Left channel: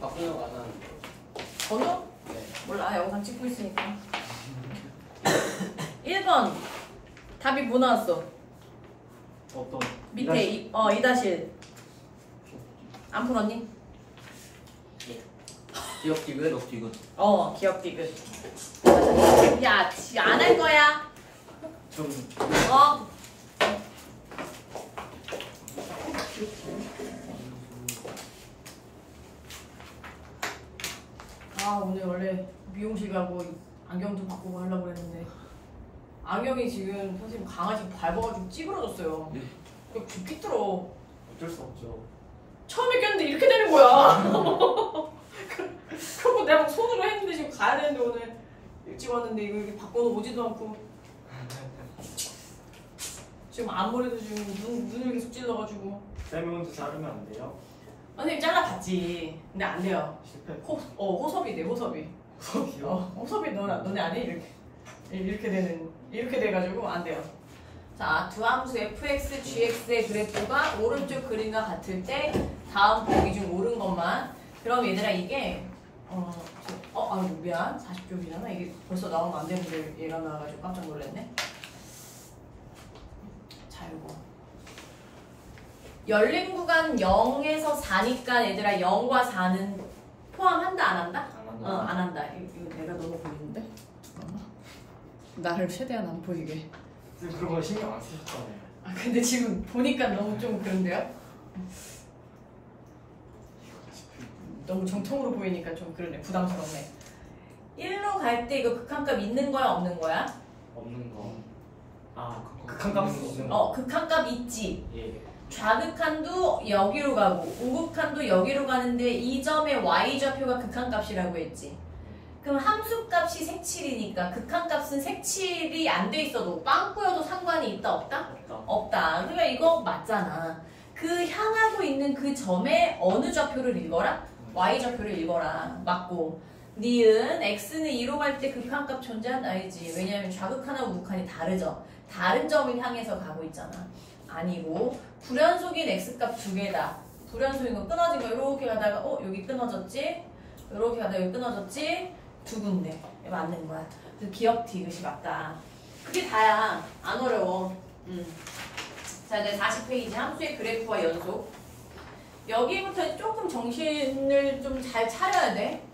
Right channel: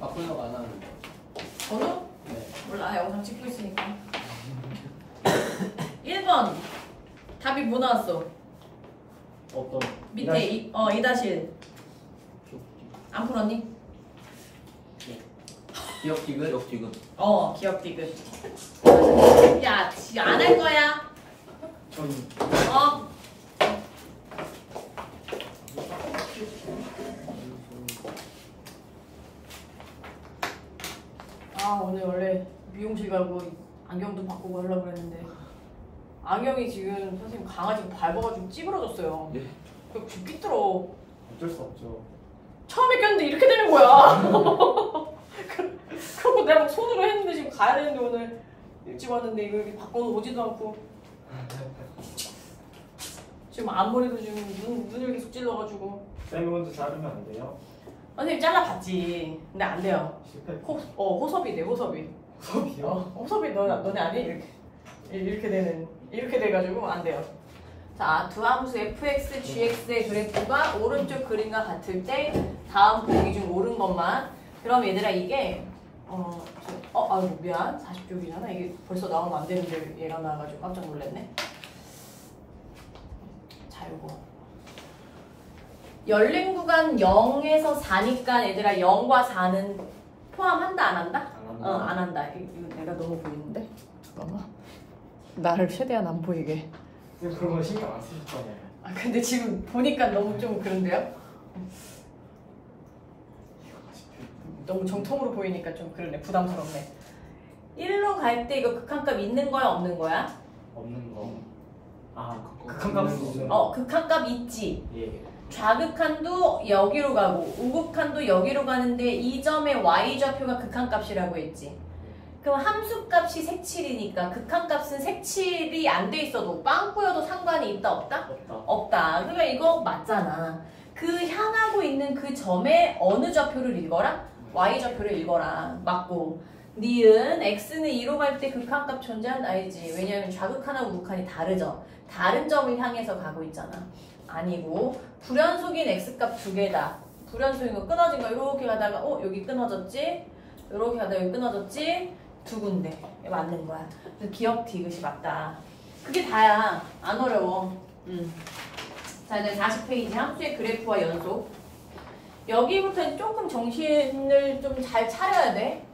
바꾸려고 안 하는데. 번호? 네. 몰라, 영상 찍고 있으니까. 1번 답이 뭐 나왔어? 어떤? 밑에 2-1 안 풀었니? 기억 디귿? 기억 디귿. 야, 안 할 거야? 전 오늘 원래 미용실 가고 안경도 바꾸고 하려고 했는데 안경이 지금 선생님 강아지 밟아가지고 찌그러졌어요. 네. 그 삐뚤어. 어쩔 수 없죠. 처음에 꼈는데 이렇게 되는 거야. 그리고 내가 손으로 했는데 지금 가야 되는데 오늘 일찍 왔는데 이거 이렇게 바꿔서 오지도 않고 지금 앞머리도 지금 눈을 계속 찔러가지고. 쌤이 혼자 자르면 안 돼요? 선생님 잘라봤지. 근데 안 돼요. 실패. 호섭이 돼, 호섭이. 호섭이요? 호섭이 너네 안 해? 이렇게 돼가지고 안 돼요. 자, 두 함수 fx, gx의 그래프가 오른쪽 그림과 같을 때 다음 보기 중 옳은 것만. 그럼 얘들아 이게 아이고 미안 40쪽이잖아. 이게 벌써 나오면 안 되는데 얘가 나와가지고 깜짝 놀랐네. 자, 이거 열린 구간 0에서 4니까 얘들아 0과 4는 포함한다 안 한다? 안 한다. 이거 내가 너무 보이는데? 잠깐만. 나를 최대한 안 보이게. 쌤 그런 거 신경 안 쓰셨잖아요. 근데 지금 보니까 너무 좀 그런데요? 너무 정통으로 보이니까 좀 그러네. 부담스럽네. 1로 갈 때 이거 극한값 있는 거야 없는 거야? 없는 거. 극한값 있는 거. 극한값 있지. 예. 좌극한도 여기로 가고 우극한도 여기로 가는데 이 점의 y좌표가 극한값이라고 했지. 그럼 함수값이 색칠이니까 극한값은 색칠이 안 돼 있어도 빵꾸여도 상관이 있다 없다? 없다. 그러니까 이거 맞잖아. 그 향하고 있는 그 점에 어느 좌표를 읽어라? y좌표를 읽어라. 맞고. 니은 x는 2로 갈 때 극한값 존재한다 알지? 왜냐하면 좌극한하고 우극한이 다르죠. 다른 점을 향해서 가고 있잖아. 아니고 불연속인 x값 두 개다. 불연속인 거 끊어진 거 이렇게 가다가 여기 끊어졌지? 이렇게 가다가 여기 끊어졌지? 두 군데 맞는 거야. 그래서 기억 디귿이 맞다. 그게 다야. 안 어려워. 자, 이제 40페이지 함수의 그래프와 연속. 여기부터 조금 정신을 좀 잘 차려야 돼.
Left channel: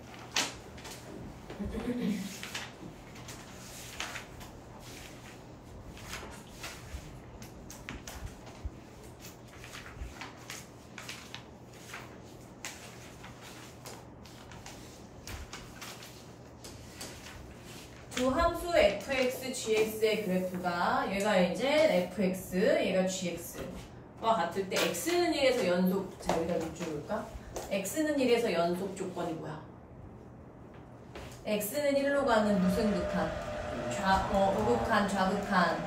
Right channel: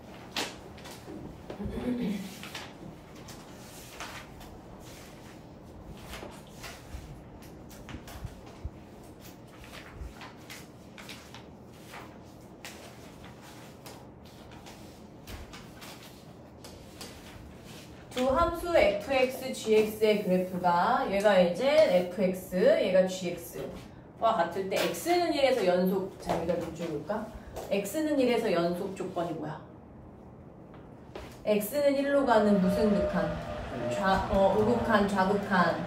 두 함수 fx, gx의 그래프가 얘가 이제 fx, 얘가 gx와 같을 때 x는 1에서 연속. 자, 여기다 밑줄을까? x는 1에서 연속 조건이 뭐야? x는 1로 가는 무슨 극한? 우극한, 좌극한,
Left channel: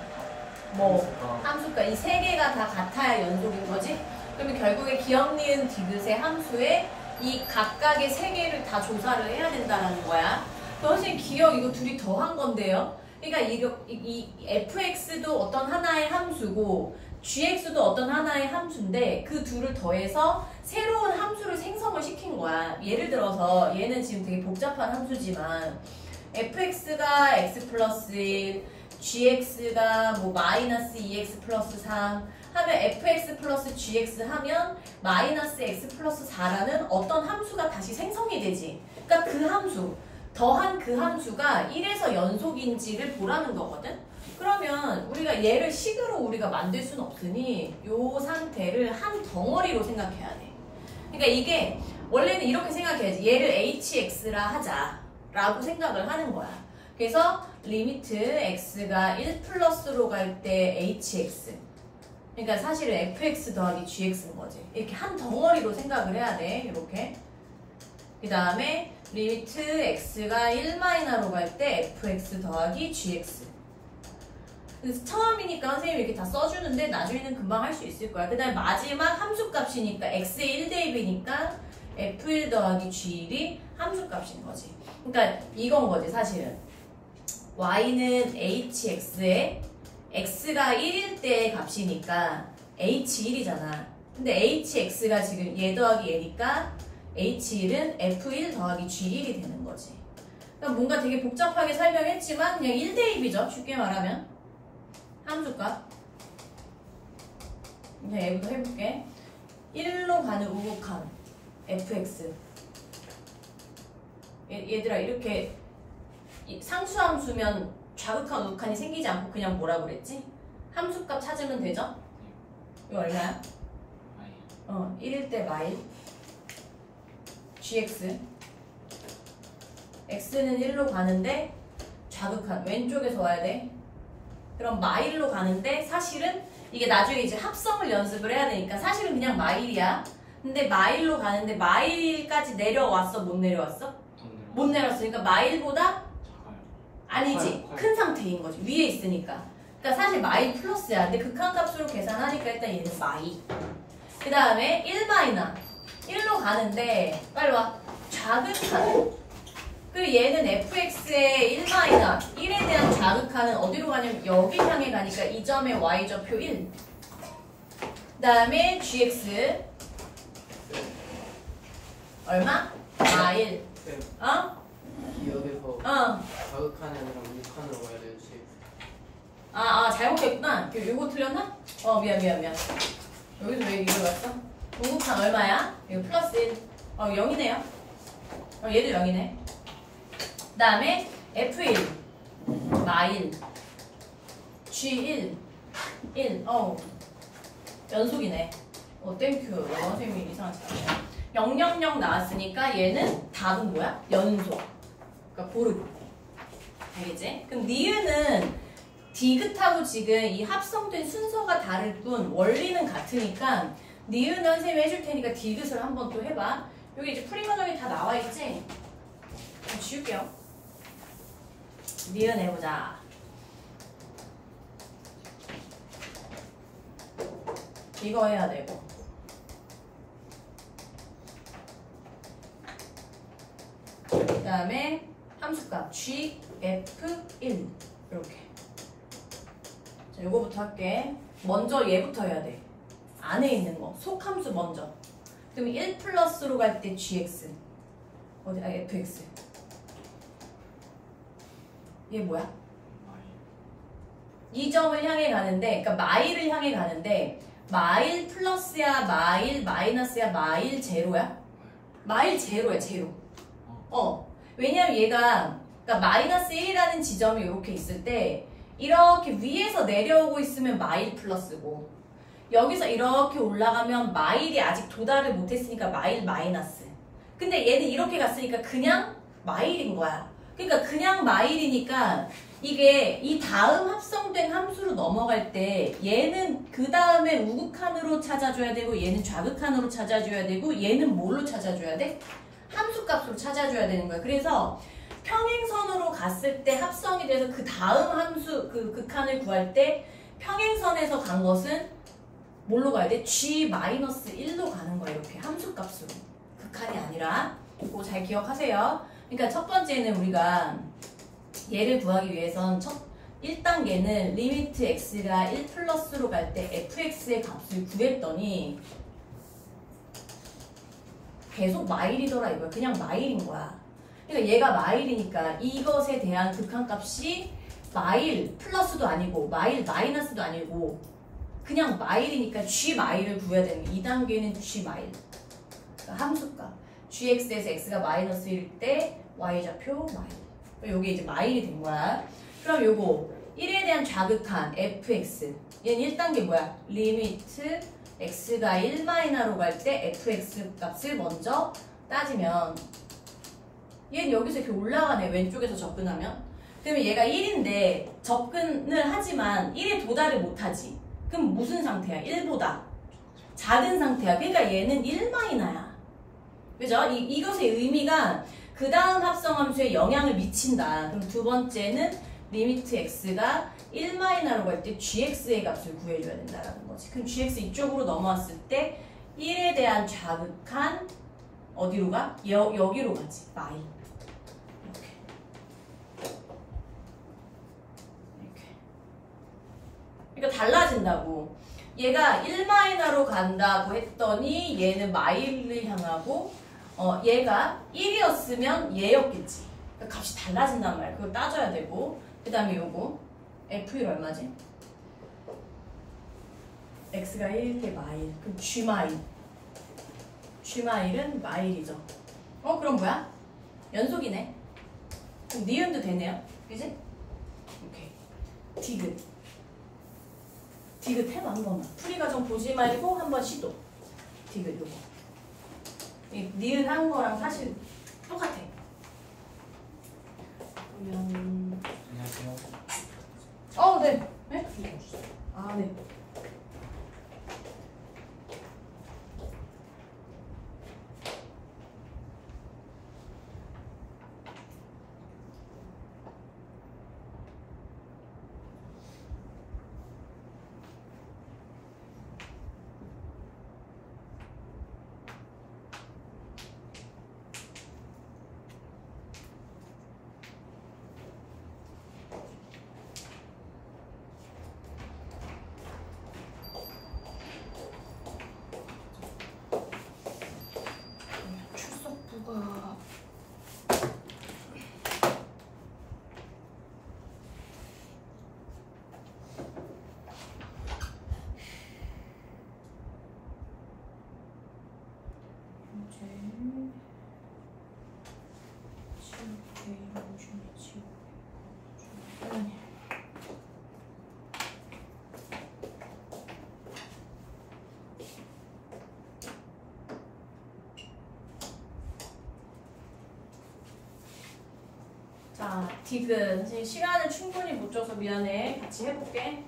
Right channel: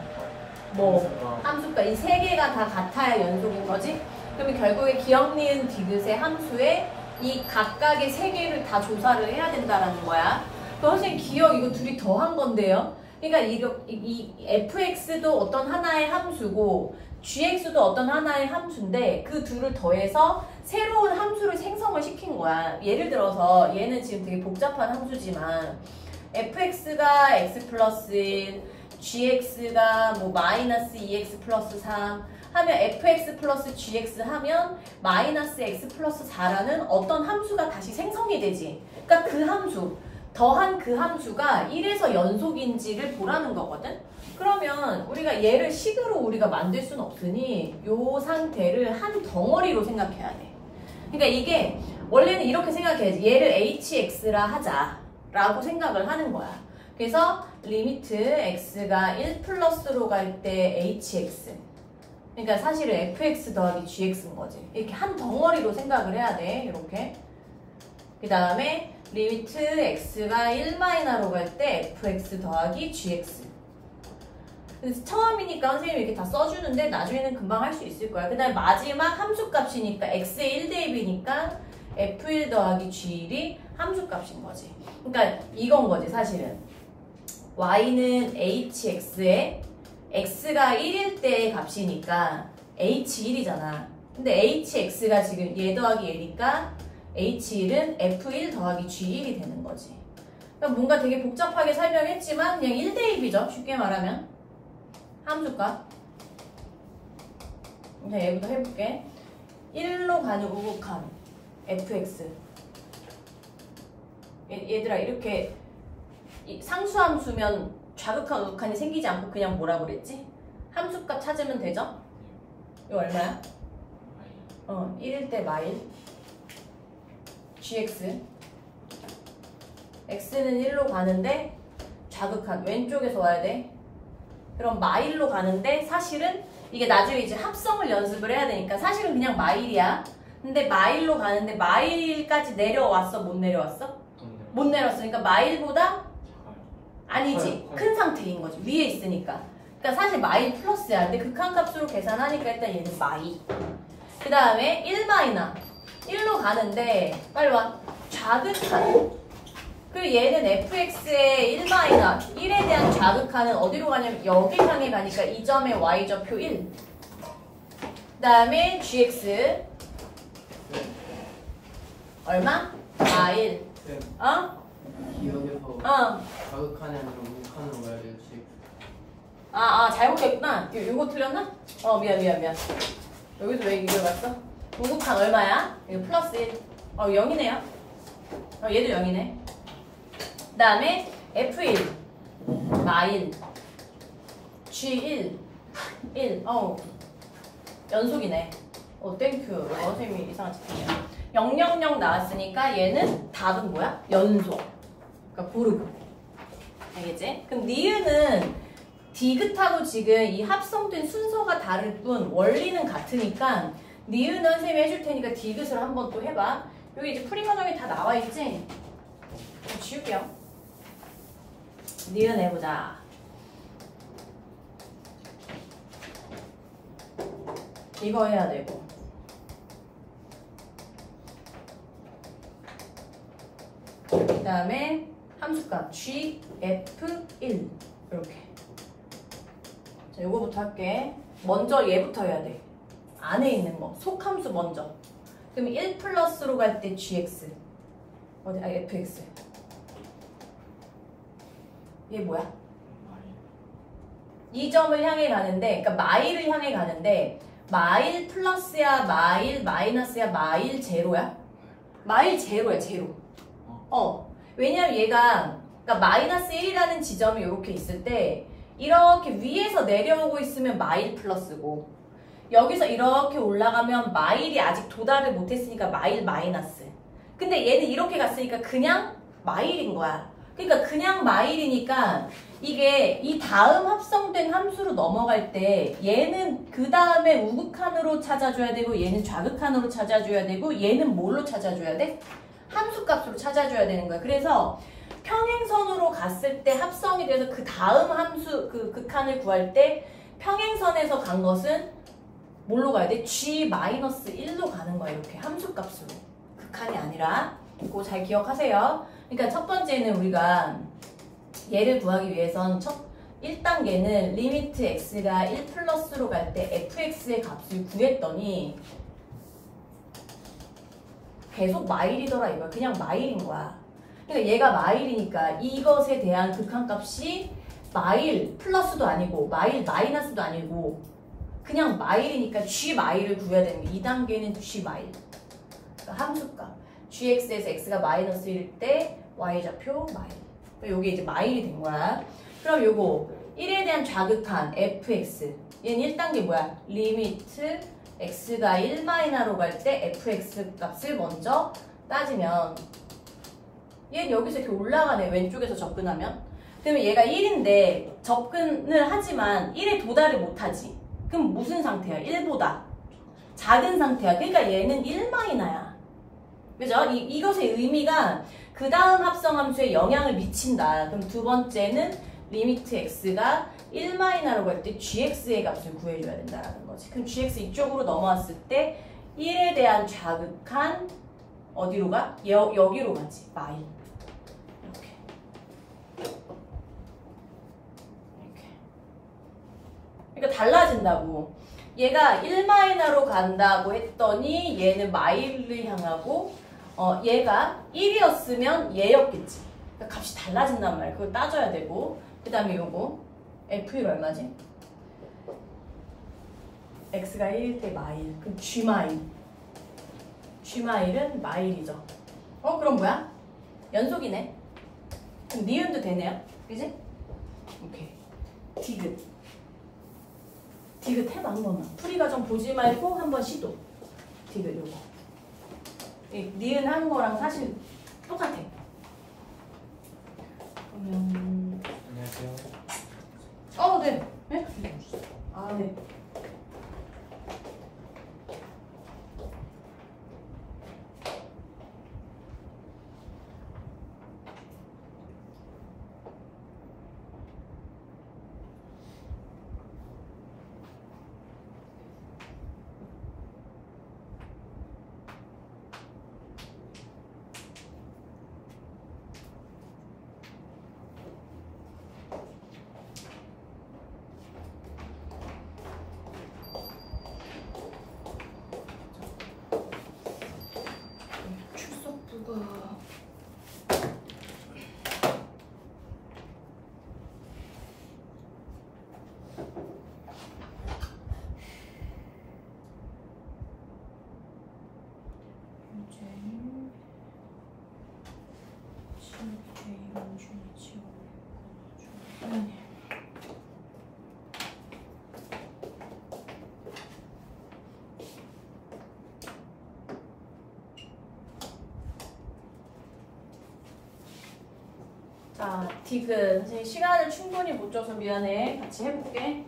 함수가 이 세 개가 다 같아야 연속인 거지? 그러면 결국에 기억 니은 디귿의 함수에 이 각각의 세 개를 다 조사를 해야 된다는 거야. 선생님 기억 이거 둘이 더한 건데요. 그러니까 이 fx도 어떤 하나의 함수고 gx도 어떤 하나의 함수인데 그 둘을 더해서 새로운 함수를 생성을 시킨 거야. 예를 들어서 얘는 지금 되게 복잡한 함수지만 fx가 x 플러스 1, gx가 마이너스 2x 플러스 3 하면 fx 플러스 gx 하면 마이너스 x 플러스 4라는 어떤 함수가 다시 생성이 되지. 그러니까 그 함수 더한 그 함수가 1에서 연속인지를 보라는 거거든. 그러면 우리가 얘를 식으로 우리가 만들 수는 없으니 이 상태를 한 덩어리로 생각해야 돼. 그러니까 이게 원래는 이렇게 생각해야지. 얘를 hx라 하자라고 생각을 하는 거야. 그래서 리미트 x가 1 플러스로 갈 때 hx. 그러니까 사실은 fx 더하기 gx인 거지. 이렇게 한 덩어리로 생각을 해야 돼. 이렇게. 그 다음에 리미트 x가 1마이너로 갈 때 fx 더하기 gx. 그래서 처음이니까 선생님이 이렇게 다 써주는데 나중에는 금방 할 수 있을 거야. 그 다음에 마지막 함수값이니까 x의 1대입이니까 f1 더하기 g1이 함수값인 거지. 그러니까 이건 거지 사실은. y는 hx에 x가 1일 때의 값이니까 h1이잖아. 근데 hx가 지금 얘 더하기 얘니까 H1은 F1 더하기 G1이 되는 거지. 그러니까 뭔가 되게 복잡하게 설명했지만 그냥 1대1이죠. 쉽게 말하면. 함수값. 자, 얘부터 해볼게. 1로 가는 우극한 fx. 얘들아, 이렇게 상수함수면 좌극한 우극한이 생기지 않고 그냥 뭐라고 그랬지? 함수값 찾으면 되죠? 이거 얼마야? 1일 때 마일 gx. x는 1로 가는데 좌극한 왼쪽에서 와야 돼. 그럼 마일로 가는데 사실은 이게 나중에 이제 합성을 연습을 해야 되니까 사실은 그냥 마일이야. 근데 마일로 가는데 마일까지 내려왔어? 못 내려왔어? 못 내려왔으니까 마일보다 아니지. 커요. 큰 상태인 거지. 위에 있으니까. 그러니까 사실 마일 플러스야. 근데 극한값으로 계산하니까 일단 얘는 마이. 그 다음에 1마이나 1로 가는데 빨리 와. 좌극한. 그리고 얘는 fx의 1마이나 1에 대한 좌극한은 어디로 가냐면 여기 향해 가니까 이 점의 y좌표 1. 그 다음에 gx 얼마? 마일. 네. 어? 기억에서 자극하는 우극한으로 가야 되지. 잘못했구나. 요거 틀렸나? 미안. 여기서 왜 이거 갔어? 우극한 얼마야? 이거 플러스 1. 0이네요. 얘도 0이네. 그 다음에 F1 마일 G1 1. 연속이네. 땡큐. 영어 선생님이 이상하지. 000 나왔으니까 얘는 답은 뭐야? 연속. 그러니까 고르고. 알겠지? 그럼 니은은 디귿하고 지금 이 합성된 순서가 다를 뿐 원리는 같으니까 니은은 선생님이 해줄 테니까 디귿을 한번 또 해봐. 여기 이제 풀이 과정에 다 나와 있지? 지울게요. 니은 해보자. 이거 해야 되고. 그 다음에 함수값 G, F1 이렇게. 자, 요거부터 할게. 먼저 얘부터 해야 돼. 안에 있는 거. 속함수 먼저. 그럼 1 플러스로 갈 때 GX. FX. 얘 뭐야? 이 점을 향해 가는데, 그러니까 마일을 향해 가는데 마일 플러스야, 마일 마이너스야, 마일 제로야? 마일 제로야, 제로. 왜냐면 얘가 그러니까 마이너스 1이라는 지점이 이렇게 있을 때 이렇게 위에서 내려오고 있으면 마일 플러스고 여기서 이렇게 올라가면 마일이 아직 도달을 못했으니까 마일 마이너스. 근데 얘는 이렇게 갔으니까 그냥 마일인 거야. 그러니까 그냥 마일이니까 이게 이 다음 합성된 함수로 넘어갈 때 얘는 그 다음에 우극한으로 찾아줘야 되고 얘는 좌극한으로 찾아줘야 되고 얘는 뭘로 찾아줘야 돼? 함수값으로 찾아줘야 되는 거야. 그래서 평행선으로 갔을 때 합성이 돼서 그 다음 함수 그 극한을 구할 때 평행선에서 간 것은 뭘로 가야 돼? G-1로 가는 거야. 이렇게 함수값으로. 극한이 아니라. 그거 잘 기억하세요. 그러니까 첫 번째는 우리가 얘를 구하기 위해선 1단계는 리미트 x가 1 플러스로 갈 때 fx의 값을 구했더니 계속 마일이더라 이거야. 그냥 마일인 거야. 그러니까 얘가 마일이니까 이것에 대한 극한값이 마일 플러스도 아니고 마일 마이너스도 아니고 그냥 마일이니까 g 마일을 구해야 되는 게 2단계는 g 마일. 그러니까 함수값. gx에서 x가 마이너스 1일 때 y좌표 마일. 요게 이제 마일이 된 거야. 그럼 요거 1에 대한 좌극한 fx. 얘는 1단계 뭐야? 리미트 x가 1마이너로 갈 때 fx 값을 먼저 따지면 얘는 여기서 이렇게 올라가네. 왼쪽에서 접근하면. 그러면 얘가 1인데 접근을 하지만 1에 도달을 못하지. 그럼 무슨 상태야? 1보다 작은 상태야. 그러니까 얘는 1마이너야. 그죠? 이것의 의미가 그 다음 합성함수에 영향을 미친다. 그럼 두 번째는 리미트 x가 1마이너로 갈 때 gx의 값을 구해줘야 된다는 거지. 그럼 gx 이쪽으로 넘어왔을 때 1에 대한 좌극한 어디로 가? 여기로 가지. 마이. 이렇게. 그러니까 달라진다고. 얘가 1마이너로 간다고 했더니 얘는 마일을 향하고 얘가 1이었으면 얘였겠지. 그러니까 값이 달라진단 말이야. 그걸 따져야 되고. 그 다음에 요거 F1 얼마지? X가 1일 때 마일. 그럼 G 마일. G 마일은 마일이죠. 그럼 뭐야? 연속이네. 그럼 니은도 되네요. 그지? 오케이. 디귿 해봐 한 번만. 풀이 과정 보지 말고 한 번 시도. 디귿 요거. 이 니은 한 거랑 사실 똑같아. 그러면 안녕하세요. 네. 네? 네. 출석부가 자, 디귿. 사실 시간을 충분히 못 줘서 미안해. 같이 해볼게.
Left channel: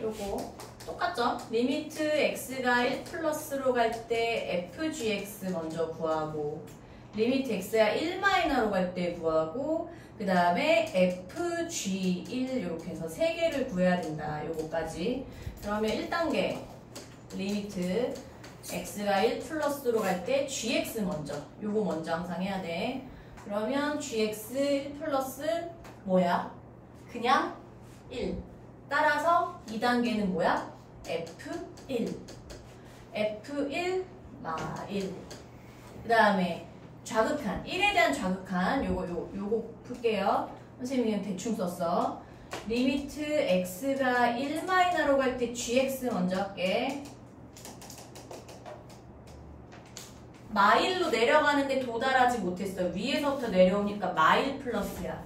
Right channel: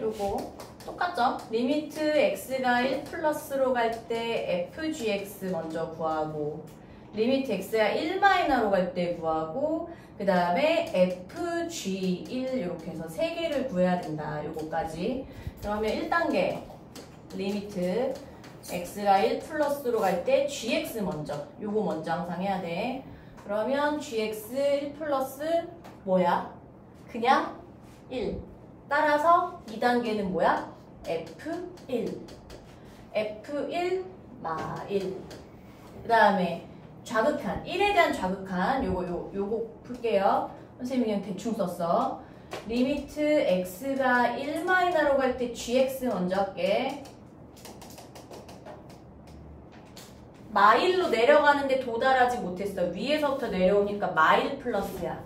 요거 똑같죠? 리미트 x가 1 플러스로 갈 때 fgx 먼저 구하고 리미트 x가 1 마이너로 갈 때 구하고 그 다음에 fg1 이렇게 해서 3개를 구해야 된다. 요거까지. 그러면 1단계 리미트 x가 1 플러스로 갈 때 gx 먼저. 요거 먼저 항상 해야 돼. 그러면 gx 1 플러스 뭐야? 그냥 1. 따라서 2단계는 뭐야? f1. f1 마 1. 그 다음에 좌극한. 1에 대한 좌극한. 요거 풀게요. 선생님이 대충 썼어. 리미트 x가 1 마이너로 갈 때 gx 먼저 할게. 마일로 내려가는데 도달하지 못했어. 위에서부터 내려오니까 마일 플러스야.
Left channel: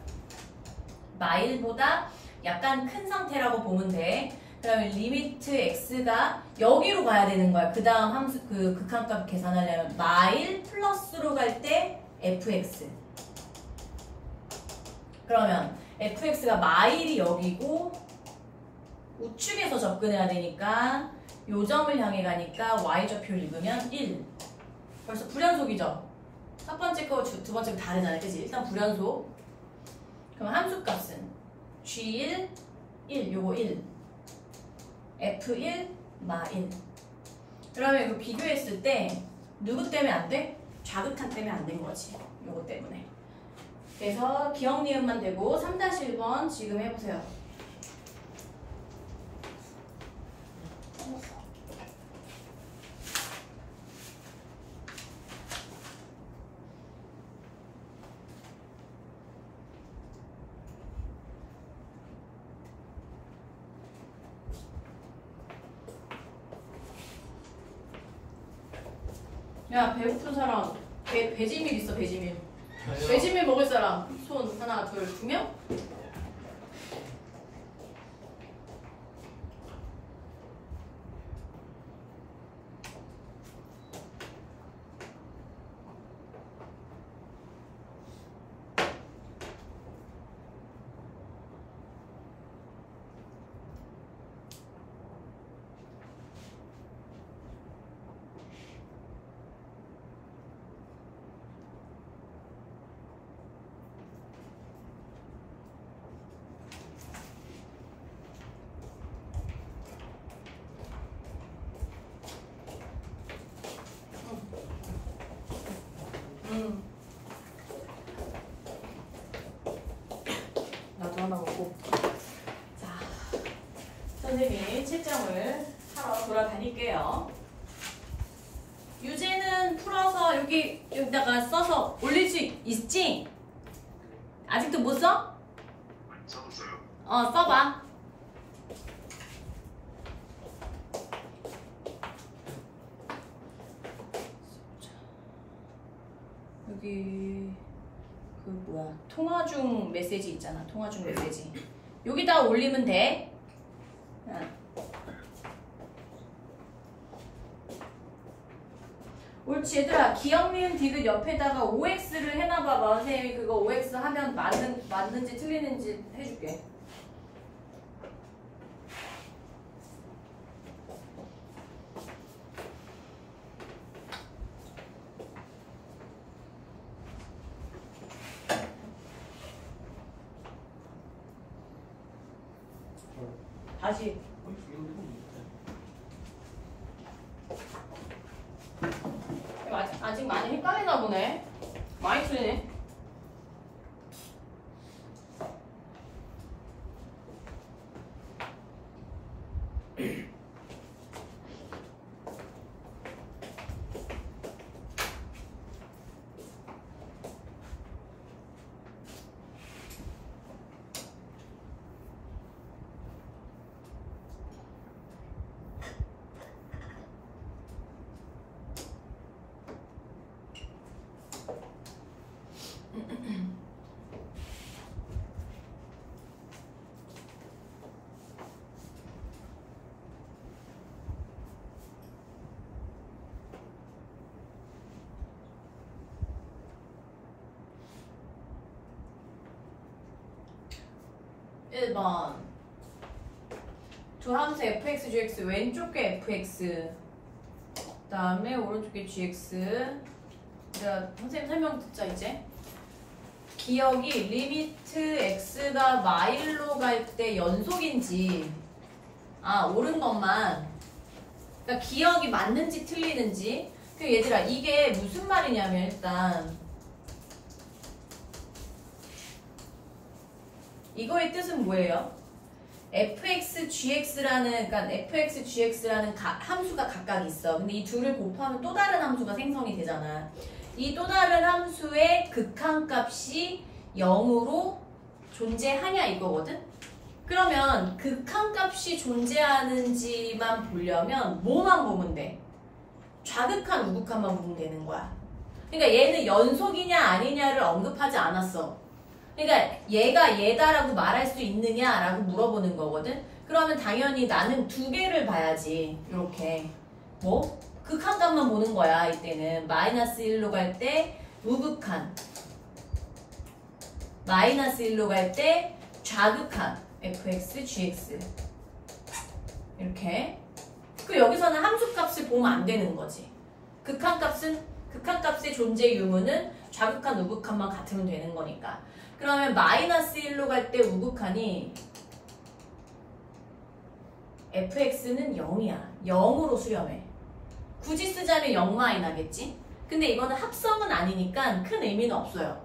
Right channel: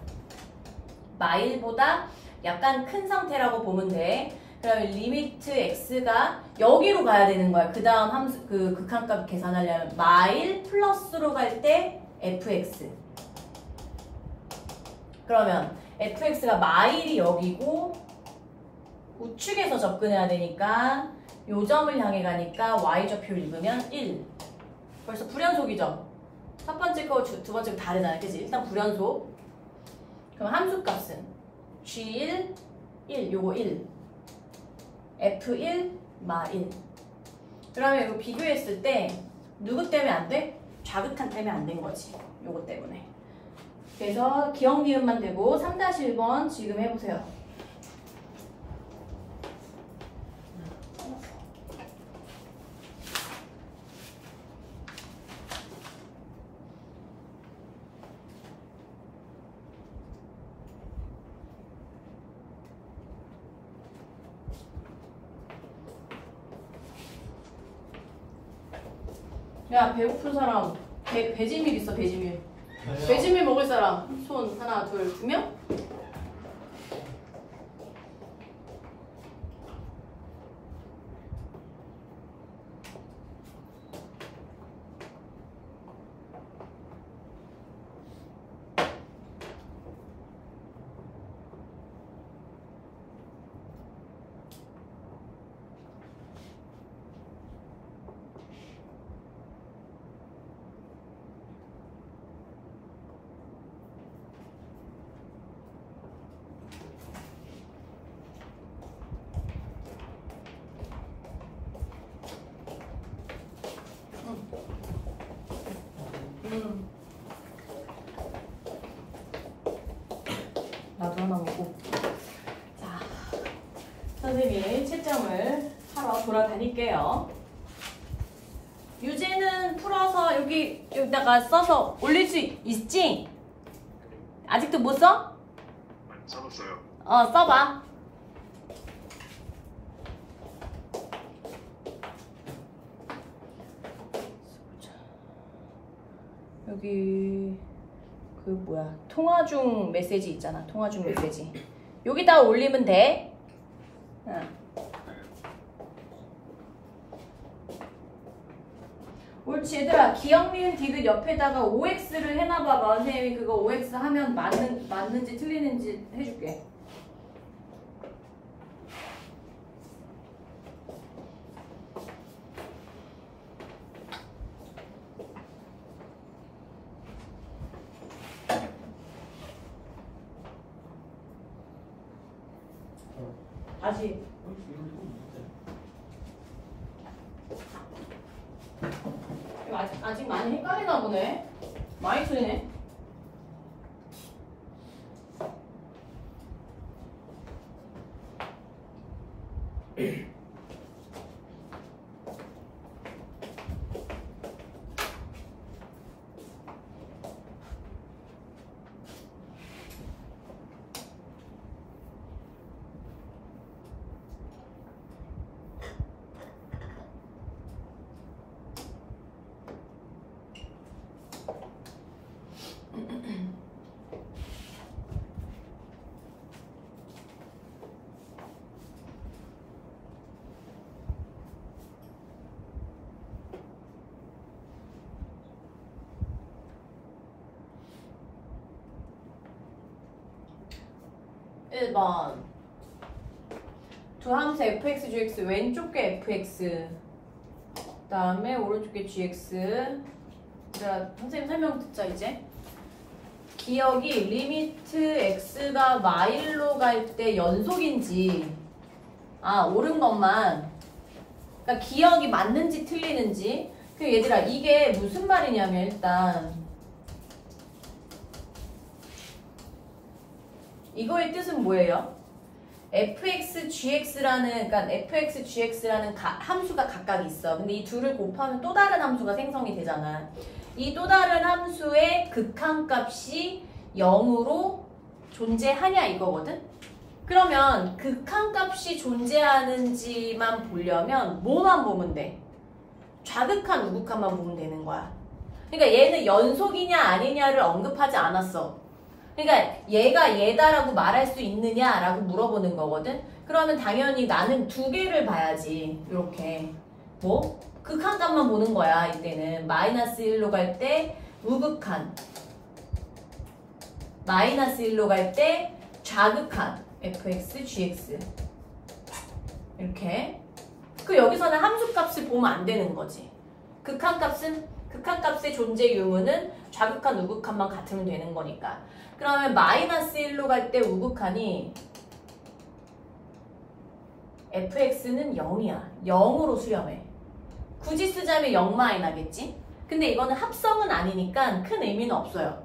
마일보다 약간 큰 상태라고 보면 돼. 그러면 리미트 x가 여기로 가야 되는 거야. 그 다음 함수 그 극한값 계산하려면 마일 플러스로 갈 때 fx. 그러면 fx가 마일이 여기고 우측에서 접근해야 되니까 요 점을 향해 가니까 y좌표를 입으면 1. 벌써 불연속이죠? 첫 번째 거 두 번째 거 다르잖아요. 그치? 일단 불연속. 그럼 함수값은 G1, 1, 요거 1. F1, 마 1. 그러면 이거 비교했을 때 누구 때문에 안 돼? 좌극한 때문에 안 된 거지. 요거 때문에. 그래서 기억 니은만 되고 3-1번 지금 해보세요. 야, 배고픈 사람 배지밀 있어. 배지밀. 배지밀 먹을 사람 손 하나 둘 2명? 나도 하나 먹고. 자, 선생님이 채점을 하러 돌아다닐게요. 여기다가 써서 올릴 수 있지? 아직도 못 써? 써봤어요. 써봐. 여기 그 뭐야 통화 중 메시지 있잖아. 통화 중 메시지 여기다가 올리면 돼. 응. 옳지 얘들아. 기억 니은 디귿 옆에다가 OX를 해놔봐봐. 선생님이 그거 OX 하면 맞는지 틀리는지 해줄게. 다시 아직 많이 헷갈리나 보네. 많이 틀리네. (1번) 두 함수 fx, gx 왼쪽 게 fx 그 다음에 오른쪽 게 gx. 자, 선생님 설명 듣자 이제. 기억이 리미트 x가 마일로 갈 때 연속인지 옳은 것만, 그러니까 기억이 맞는지 틀리는지. 그 얘들아 이게 무슨 말이냐면 일단 이거의 뜻은 뭐예요? fx, gx라는, 그러니까 fx, gx라는 함수가 각각 있어. 근데 이 둘을 곱하면 또 다른 함수가 생성이 되잖아. 이 또 다른 함수의 극한값이 0으로 존재하냐 이거거든? 그러면 극한값이 존재하는지만 보려면 뭐만 보면 돼? 좌극한, 우극한만 보면 되는 거야. 그러니까 얘는 연속이냐 아니냐를 언급하지 않았어. 그러니까 얘가 얘다라고 말할 수 있느냐라고 물어보는 거거든. 그러면 당연히 나는 두 개를 봐야지. 이렇게 뭐? 극한값만 보는 거야. 이때는 마이너스 1로 갈 때 우극한, 마이너스 1로 갈 때 좌극한 fx, gx 이렇게. 그 여기서는 함수값을 보면 안 되는 거지. 극한값의 존재 유무는 좌극한, 우극한만 같으면 되는 거니까. 그러면 마이너스 1로 갈 때 우극한이 fx는 0이야. 0으로 수렴해. 굳이 쓰자면 0 나겠지? 근데 이거는 합성은 아니니까 큰 의미는 없어요.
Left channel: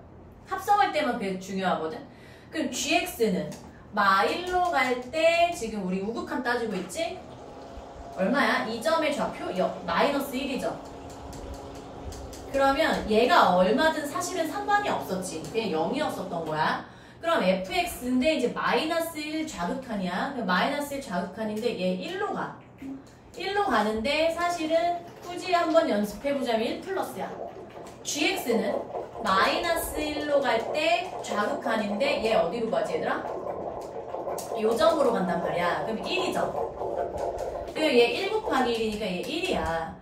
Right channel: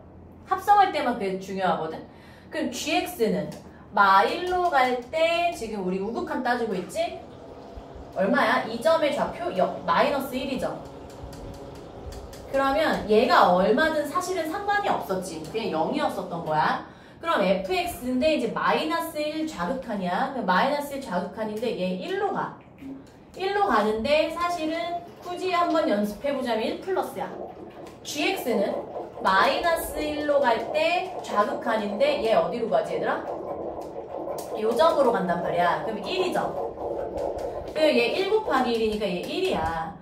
합성할 때만 그게 중요하거든? 그럼 gx는 마1로 갈 때 지금 우리 우극한 따지고 있지? 얼마야? 이 점의 좌표 마이너스 1이죠. 그러면 얘가 얼마든 사실은 상관이 없었지. 그냥 0이었었던 거야. 그럼 fx인데 이제 마이너스 1 좌극한이야. 마이너스 1 좌극한인데 얘 1로 가. 1로 가는데 사실은 굳이 한번 연습해보자면 1 플러스야. gx는 마이너스 1로 갈 때 좌극한인데 얘 어디로 가지 얘들아? 요 점으로 간단 말이야. 그럼 1이죠. 그리고 얘 1 곱하기 1이니까 얘 1이야.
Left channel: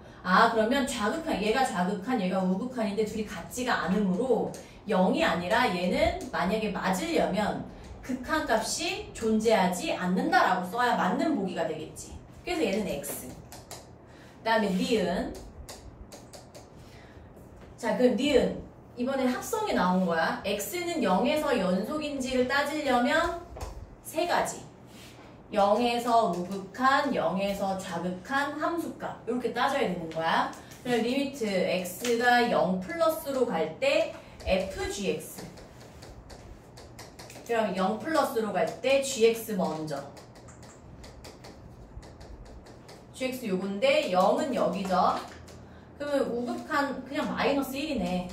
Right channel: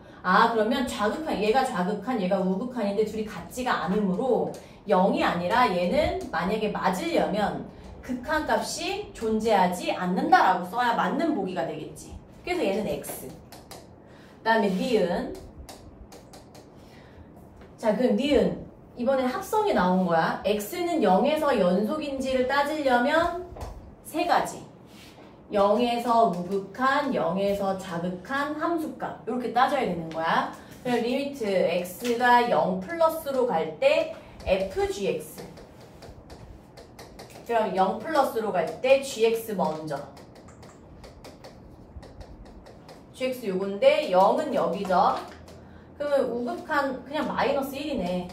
그러면 좌극한, 얘가 좌극한, 얘가 우극한인데 둘이 같지가 않으므로 0이 아니라 얘는 만약에 맞으려면 극한값이 존재하지 않는다라고 써야 맞는 보기가 되겠지. 그래서 얘는 x. 그 다음에 니은. 자, 그럼 니은. 이번에 합성이 나온 거야. x는 0에서 연속인지를 따지려면 세 가지. 0에서 우극한, 0에서 좌극한 함수값 이렇게 따져야 되는 거야. 그럼 리미트 x가 0 플러스로 갈 때 fgx. 그럼 0 플러스로 갈 때 gx 먼저. gx 요건데 0은 여기죠. 그러면 우극한 그냥 마이너스 1이네.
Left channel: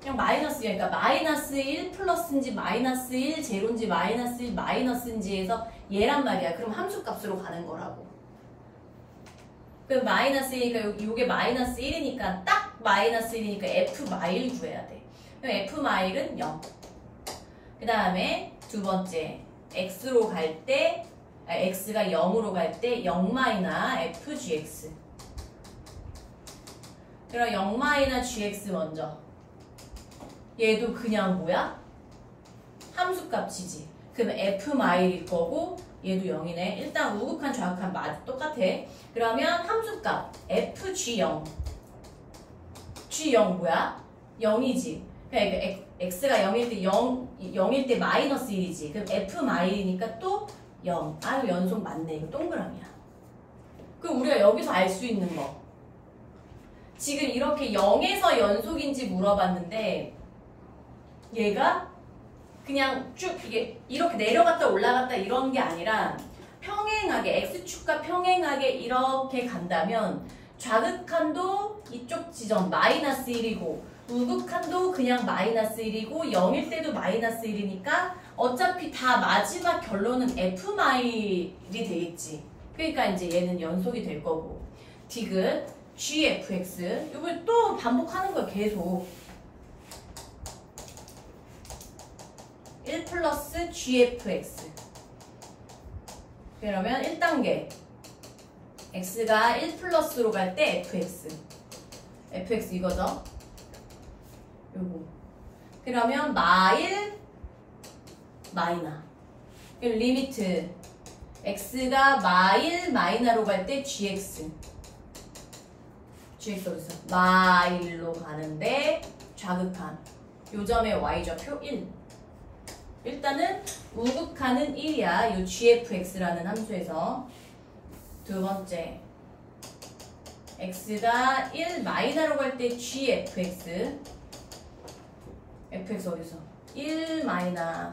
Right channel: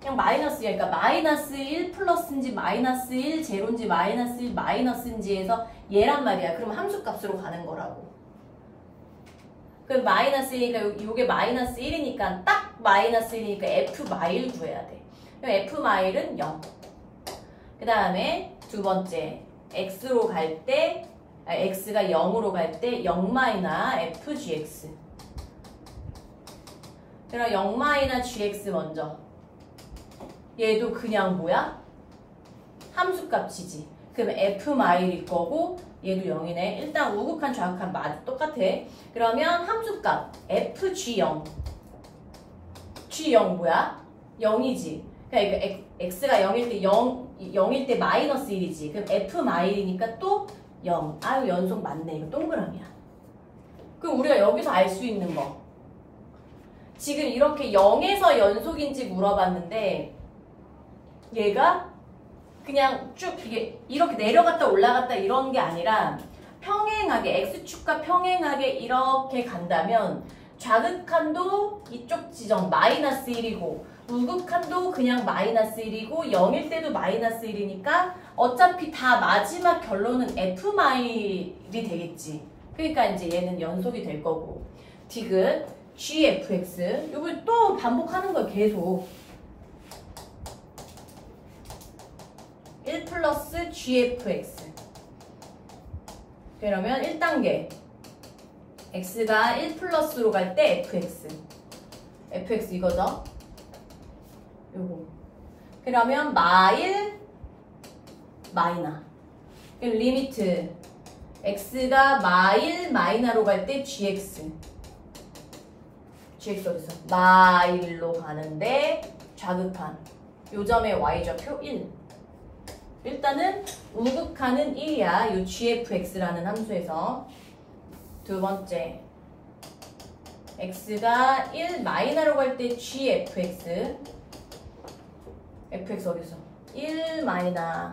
그냥 마이너스 1, 그러니까 마이너스 1 플러스인지 마이너스 1 제로인지 마이너스 1 마이너스인지 해서 얘란 말이야. 그럼 함수값으로 가는 거라고. 그럼 마이너스 1이니까 이게 마이너스 1이니까 딱 마이너스 1이니까 f 마일 구해야 돼. 그럼 f 마일은 0. 그 다음에 두 번째 x로 갈 때 x가 0으로 갈 때 0 마이너 fgx. 그럼 0 마이너 gx 먼저. 얘도 그냥 뭐야? 함수값이지. 그럼 f 마일일 거고 얘도 0이네. 일단 우극한 좌극한 똑같아. 그러면 함수값 fg0. g0 뭐야? 0이지. 그러니까 x가 0일 때 0일 때 마이너스 1이지. 그럼 f 마일이니까 또 0. 아유 연속 맞네. 이거 동그라미야. 그럼 우리가 여기서 알 수 있는 거. 지금 이렇게 0에서 연속인지 물어봤는데 얘가 그냥 쭉 이렇게 내려갔다 올라갔다 이런 게 아니라 평행하게 x축과 평행하게 이렇게 간다면 좌극한도 이쪽 지점 마이너스 1이고 우극한도 그냥 마이너스 1이고 0일 때도 마이너스 1이니까 어차피 다 마지막 결론은 f 마일이 되겠지. 그러니까 이제 얘는 연속이 될 거고 디귿 gfx 이걸 또 반복하는 거야. 계속 1 플러스 gfx. 그러면 1단계 x가 1 플러스로 갈 때 fx 이거죠. 요거. 그러면 마일 마이너. 리미트 x가 마일 마이너로 갈 때 gx 어디서? 마일로 가는데 좌극한 요점의 y좌표 1. 일단은 우극한은 1이야. 요 gfx라는 함수에서. 두 번째 x가 1 마이너로 갈 때 gfx fx 어디서? 1 마이너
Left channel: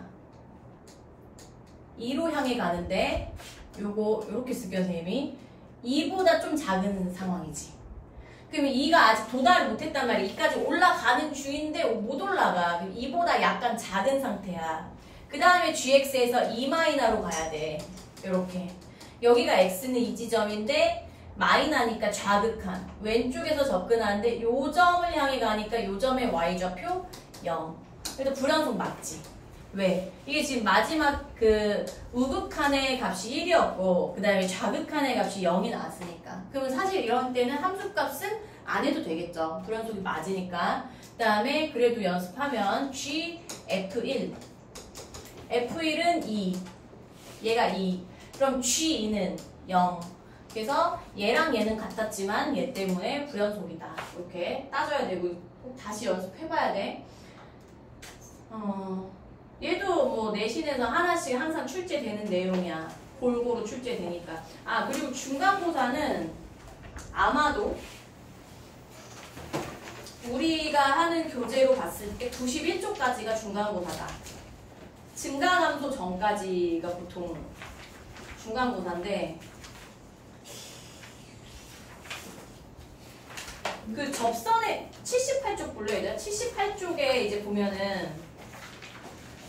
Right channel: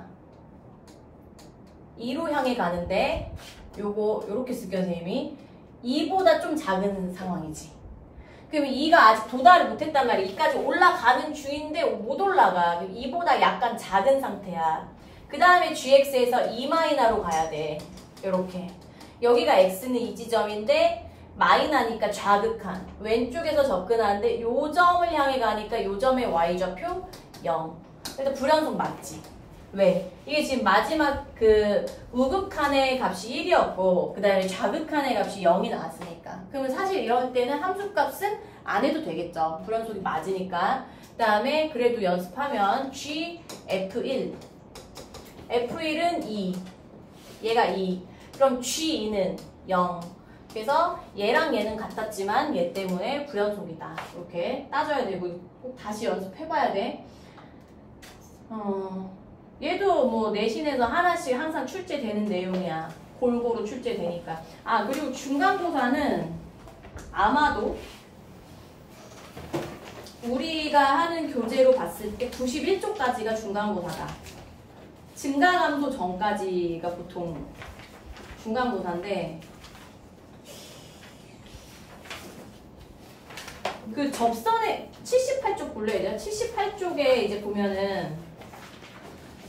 2로 향해 가는데 요거 요렇게 쓸게요 선생님이. 2보다 좀 작은 상황이지. 그러면 2가 아직 도달을 못했단 말이야. 2까지 올라가는 중인데 못 올라가. 2보다 약간 작은 상태야. 그 다음에 gx에서 2 마이너로 가야 돼. 요렇게. 여기가 x는 이 지점인데 마이너니까 좌극한 왼쪽에서 접근하는데 요 점을 향해 가니까 요 점의 y좌표 0. 그러니까 불연속 맞지. 왜? 이게 지금 마지막 그 우극한의 값이 1이었고 그 다음에 좌극한의 값이 0이 나왔으니까. 그러면 사실 이런 때는 함수값은 안 해도 되겠죠. 불연속이 맞으니까. 그 다음에 그래도 연습하면 g f1 f1은 2 얘가 2 그럼 g2는 0 그래서 얘랑 얘는 같았지만 얘 때문에 불연속이다. 이렇게 따져야 되고 꼭 다시 연습해봐야 돼. 얘도 뭐 내신에서 하나씩 항상 출제되는 내용이야. 골고루 출제되니까. 아 그리고 중간고사는 아마도 우리가 하는 교재로 봤을 때 91쪽까지가 중간고사다. 증가감소 전까지가 보통 중간고사인데 그 접선에 78쪽 볼래요? 78쪽에 이제 보면은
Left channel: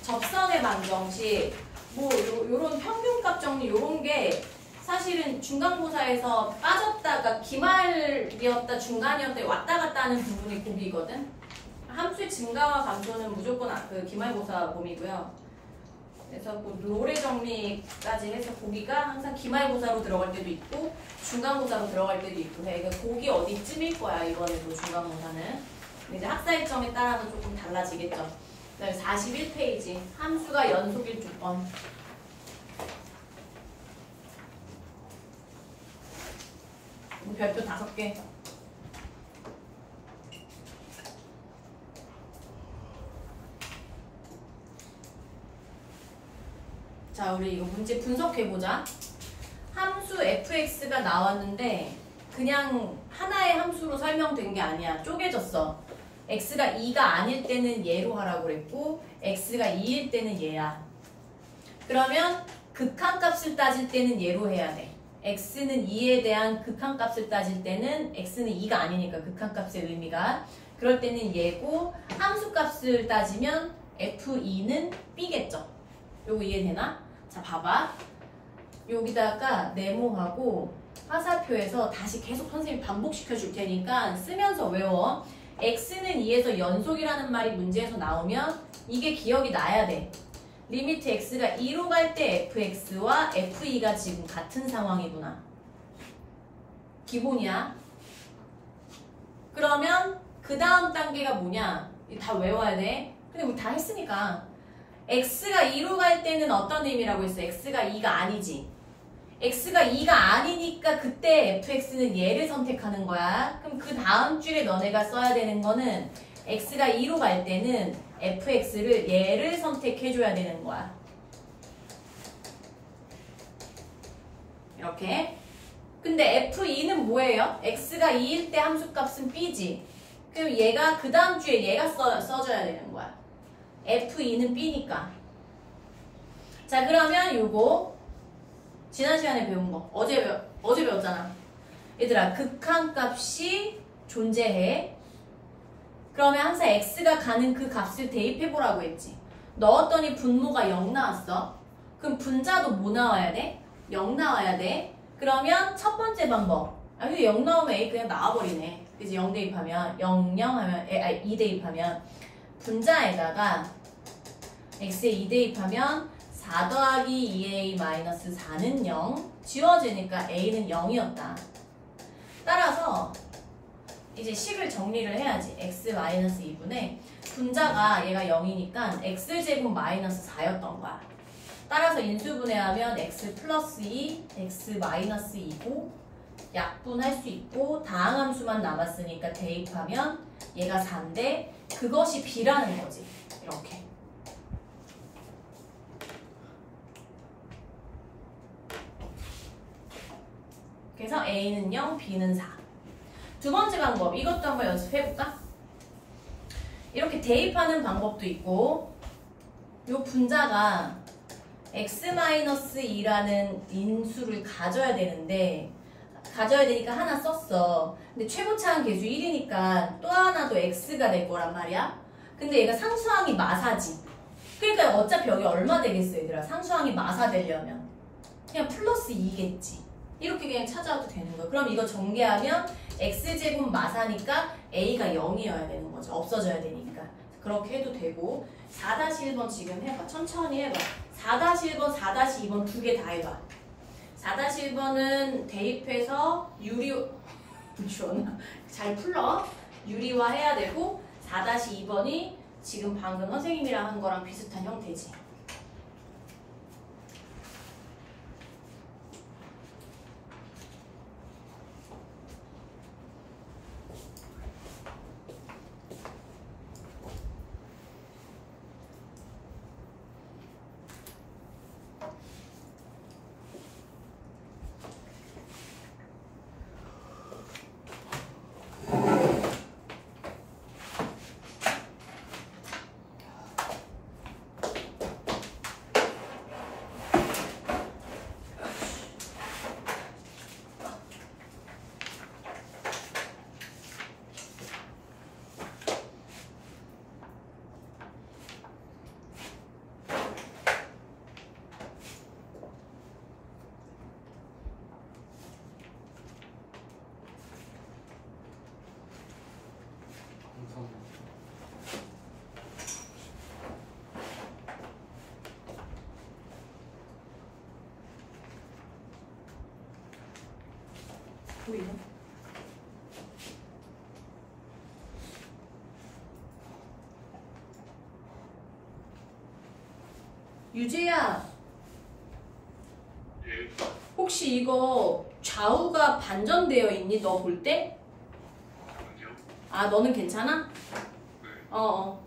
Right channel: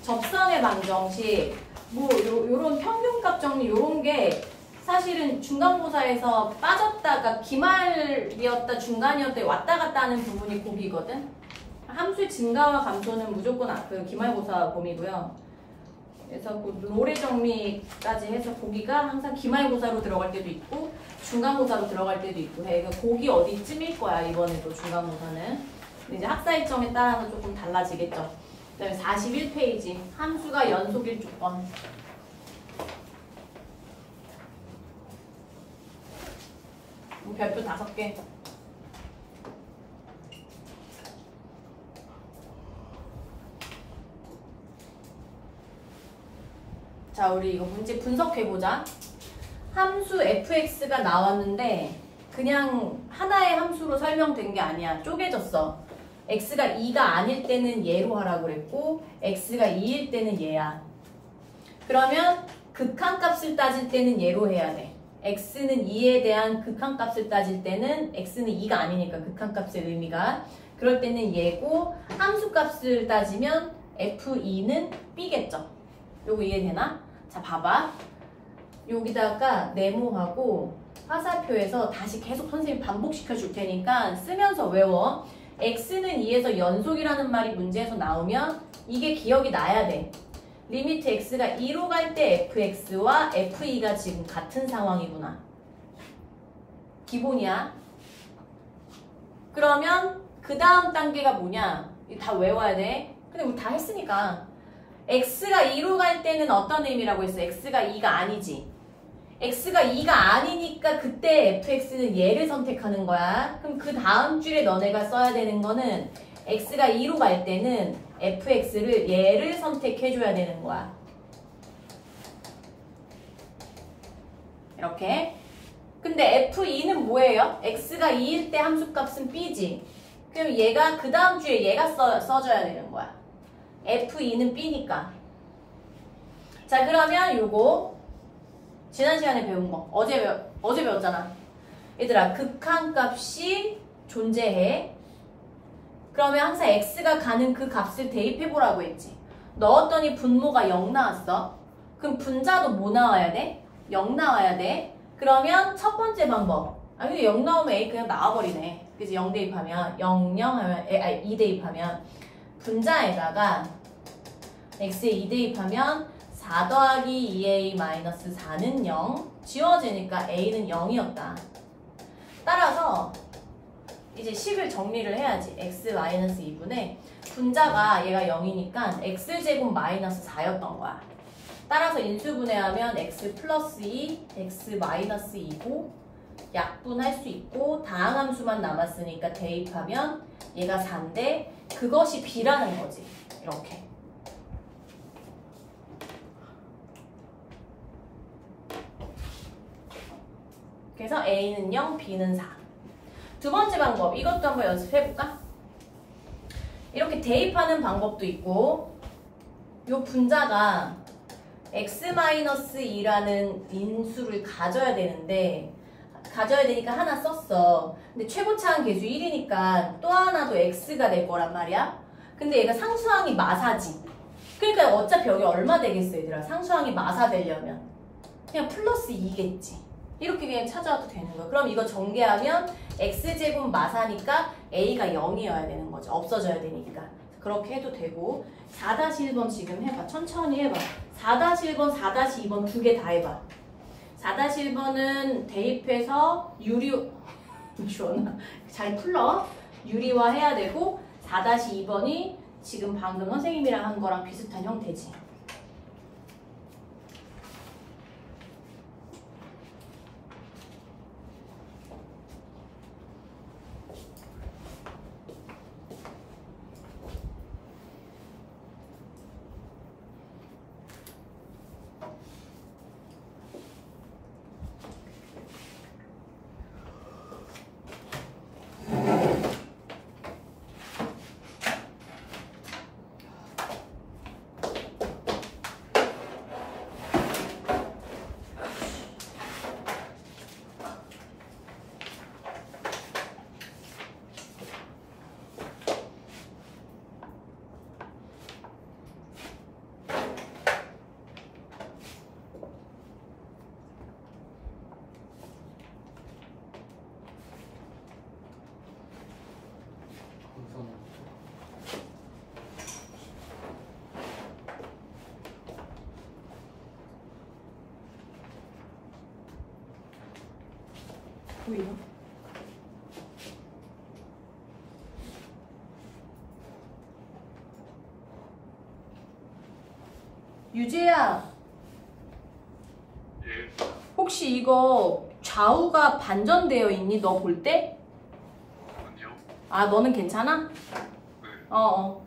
접선의 방정식 뭐 요런 평균값 정리 요런 게 사실은 중간고사에서 빠졌다가 기말이었다 중간이었다 왔다 갔다 하는 부분이 고기거든. 함수의 증가와 감소는 무조건 그 기말고사 범위고요. 그래서 그 노래 정리까지 해서 고기가 항상 기말고사로 들어갈 때도 있고 중간고사로 들어갈 때도 있고 해. 그러니까 고기 어디쯤일 거야 이번에도 중간고사는. 근데 이제 학사일점에 따라서 조금 달라지겠죠. 41페이지 함수가 연속일 조건. 별표 5개. 자, 우리 이거 문제 분석해보자. 함수 fx가 나왔는데 그냥 하나의 함수로 설명된 게 아니야. 쪼개졌어. x가 2가 아닐 때는 얘로 하라고 그랬고 x가 2일 때는 얘야. 그러면 극한값을 따질 때는 얘로 해야 돼. x는 2에 대한 극한값을 따질 때는 x는 2가 아니니까 극한값의 의미가 그럴 때는 얘고 함수값을 따지면 f2는 b겠죠. 요거 이해되나? 자 봐봐. 여기다가 네모하고 화살표에서 다시 계속 선생님이 반복시켜 줄 테니까 쓰면서 외워. x는 2에서 연속이라는 말이 문제에서 나오면 이게 기억이 나야 돼. 리미트 x가 2로 갈 때 fx와 f2가 지금 같은 상황이구나. 기본이야. 그러면 그 다음 단계가 뭐냐? 이거 다 외워야 돼. 근데 우리 다 했으니까. x가 2로 갈 때는 어떤 의미라고 했어? x가 2가 아니지. x가 2가 아니니까 그때 fx는 얘를 선택하는 거야. 그럼 그 다음 줄에 너네가 써야 되는 거는 x가 2로 갈 때는 fx를 얘를 선택해줘야 되는 거야. 이렇게. 근데 f2는 뭐예요? x가 2일 때 함수값은 b지. 그럼 얘가 그 다음 주에 얘가 써줘야 되는 거야. f2는 b니까. 자 그러면 요거 지난 시간에 배운 거 어제 배웠잖아. 얘들아 극한값이 존재해. 그러면 항상 x가 가는 그 값을 대입해보라고 했지. 넣었더니 분모가 0 나왔어. 그럼 분자도 뭐 나와야 돼? 0 나와야 돼. 그러면 첫 번째 방법. 아 근데 0 나오면 a 그냥 나와버리네. 그래서 0 대입하면 0, 0 하면 2 대입하면 분자에다가 x에 2 대입하면 4 더하기 2a-4는 0 지워지니까 a는 0이었다. 따라서 이제 식을 정리를 해야지. x-2분의 분자가 얘가 0이니까 x제곱 마이너스 4였던 거야. 따라서 인수분해하면 x 플러스 2, x 마이너스 2고 약분할 수 있고 다항함수만 남았으니까 대입하면 얘가 4인데 그것이 b라는 거지. 이렇게. 그래서 a는 0, b는 4. 두 번째 방법, 이것도 한번 연습해볼까? 이렇게 대입하는 방법도 있고 요 분자가 x-2라는 인수를 가져야 되니까 하나 썼어. 근데 최고차항 계수 1이니까 또 하나도 x가 될 거란 말이야. 근데 얘가 상수항이 마사지. 그러니까 어차피 여기 얼마 되겠어 얘들아. 상수항이 마사 되려면 그냥 플러스 2겠지. 이렇게 그냥 찾아와도 되는 거야. 그럼 이거 전개하면 x제곱 마사니까 a가 0이어야 되는 거죠. 없어져야 되니까. 그렇게 해도 되고 4-1번 지금 해봐. 천천히 해봐. 4-1번, 4-2번 두 개 다 해봐. 4-1번은 대입해서 주원아 잘 풀러. 유리화 해야 되고 4-2번이 지금 방금 선생님이랑 한 거랑 비슷한 형태지. 보이나? 유재야, 혹시 이거 좌우가 반전되어 있니? 너 볼 때? 아, 너는 괜찮아? 어어.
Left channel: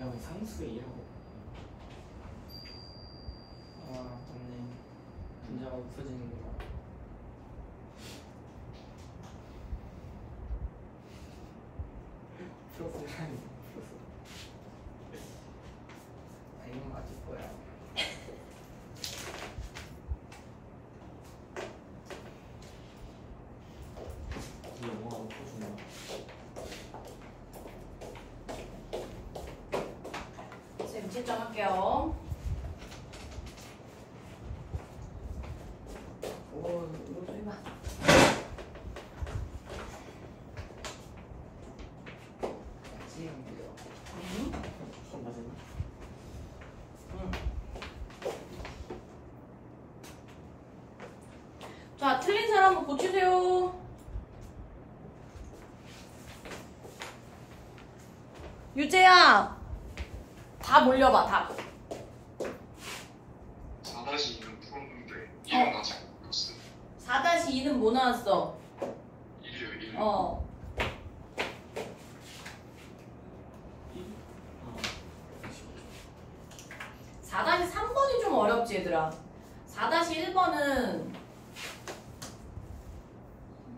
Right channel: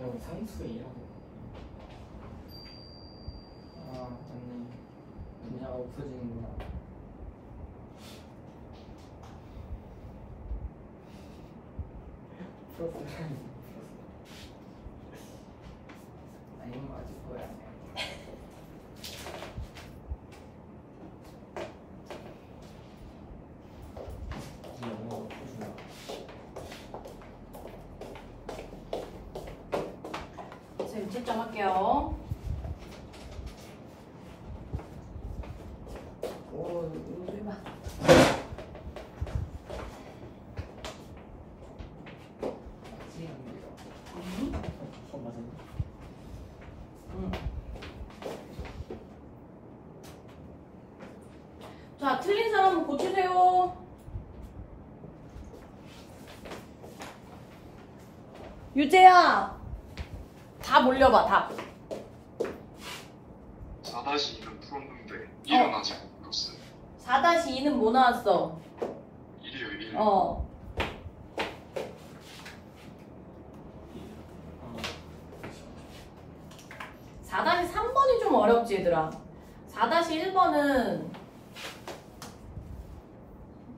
야, 우리 상수에 일하고. 아 맞네. 분자가 없어지는구나. 플러스 라인. 아 이건 아직 뭐야? 이 영어가 어떻게 주나? 쌤 7점 할게요. 오 소리 봐. 지금요. 수업 맞았나? 자, 틀린 사람 고치세요. 유재야, 답 올려봐, 답. 4-2는 풀었는데 1은 아직 못 풀었어요. 4-2는 뭐 나왔어? 1이에요, 1. 어. 4-3번이 좀 어렵지, 얘들아. 4-1번은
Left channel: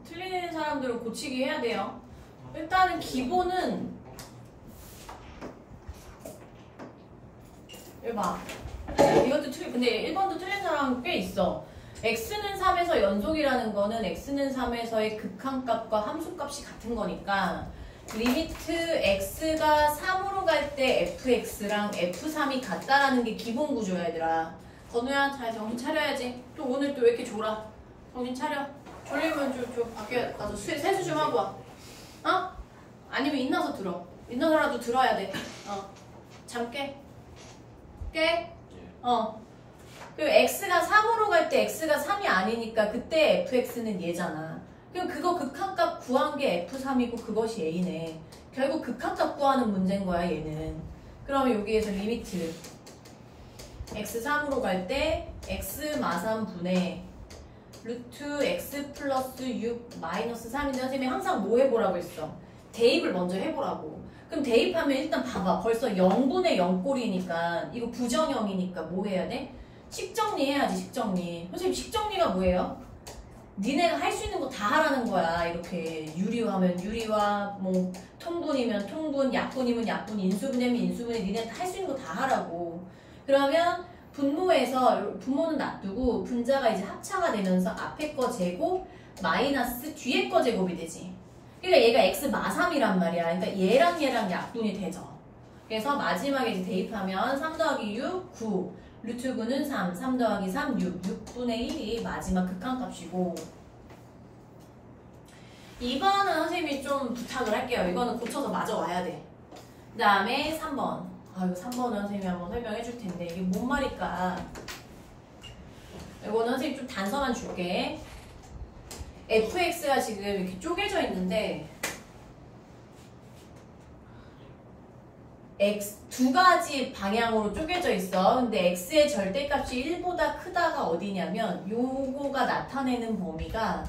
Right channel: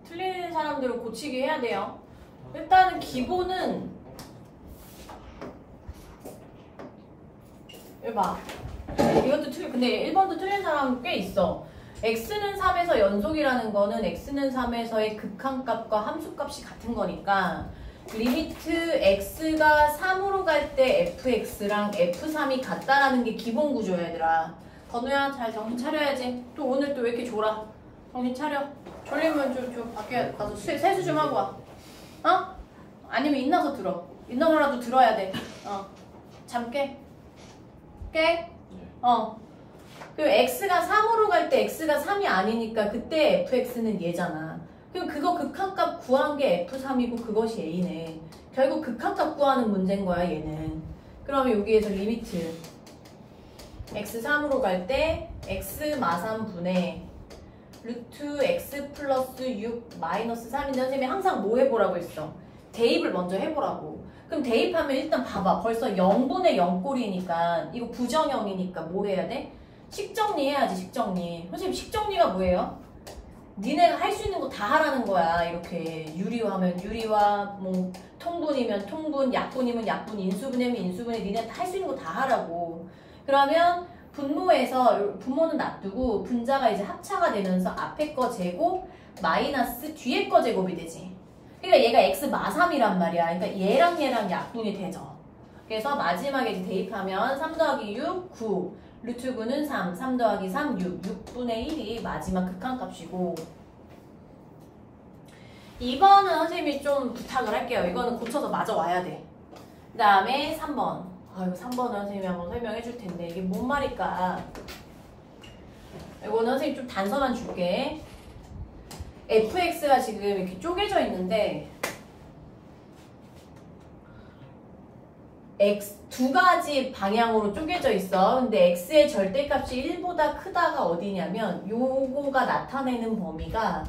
틀리는 사람들은 고치기 해야 돼요. 일단은 기본은 해봐. 이것도 근데 1번도 틀린 사람 꽤 있어. x는 3에서 연속이라는 거는 x는 3에서의 극한값과 함수값이 같은 거니까 리미트 x가 3으로 갈 때 fx랑 f3이 같다라는 게 기본 구조야, 얘들아. 건우야, 잘 정신 차려야지. 또 오늘 또 왜 이렇게 졸아? 정신 차려. 졸리면 좀 밖에 가서 세수 좀 하고 와. 어? 아니면 인나서 들어. 인나서라도 들어야 돼. 잠 깨. 깨? 그리고 x가 3으로 갈 때 x가 3이 아니니까 그때 fx는 얘잖아. 그럼 그거 극한값 구한 게 f3이고 그것이 a네. 결국 극한값 구하는 문제인 거야, 얘는. 그러면 여기에서 리미트 x 3으로 갈 때 x 마삼분의 루트 x 플러스 6 마이너스 3인데 선생님이 항상 뭐 해보라고 했어? 대입을 먼저 해보라고. 그럼 대입하면 일단 봐봐. 벌써 0분의 0꼴이니까 이거 부정형이니까 뭐 해야 돼? 식정리해야지, 식정리. 선생님 식정리가 뭐예요? 니네가 할 수 있는 거 다 하라는 거야. 이렇게 유리화하면 유리화, 뭐 통분이면 통분, 약분이면 약분, 인수분해면 인수분해. 니네 할 수 있는 거 다 하라고. 그러면 분모에서 분모는 놔두고 분자가 이제 합차가 되면서 앞에 거 제곱 마이너스 뒤에 거 제곱이 되지. 그러니까 얘가 x 마3이란 말이야. 그러니까 얘랑 약분이 되죠. 그래서 마지막에 이제 대입하면 3 더하기 6, 9. 루트 9는 3, 3 더하기 3, 6. 6분의 1이 마지막 극한값이고 2번은 선생님이 좀 부탁을 할게요. 이거는 고쳐서 마저 와야 돼. 그 다음에 3번. 아유, 3번은 선생님이 한번 설명해 줄 텐데 이게 뭔 말일까? 이거는 선생님 좀 단서만 줄게. fx가 지금 이렇게 쪼개져 있는데 x 두 가지 방향으로 쪼개져 있어. 근데 x의 절대값이 1보다 크다가 어디냐면 요거가 나타내는 범위가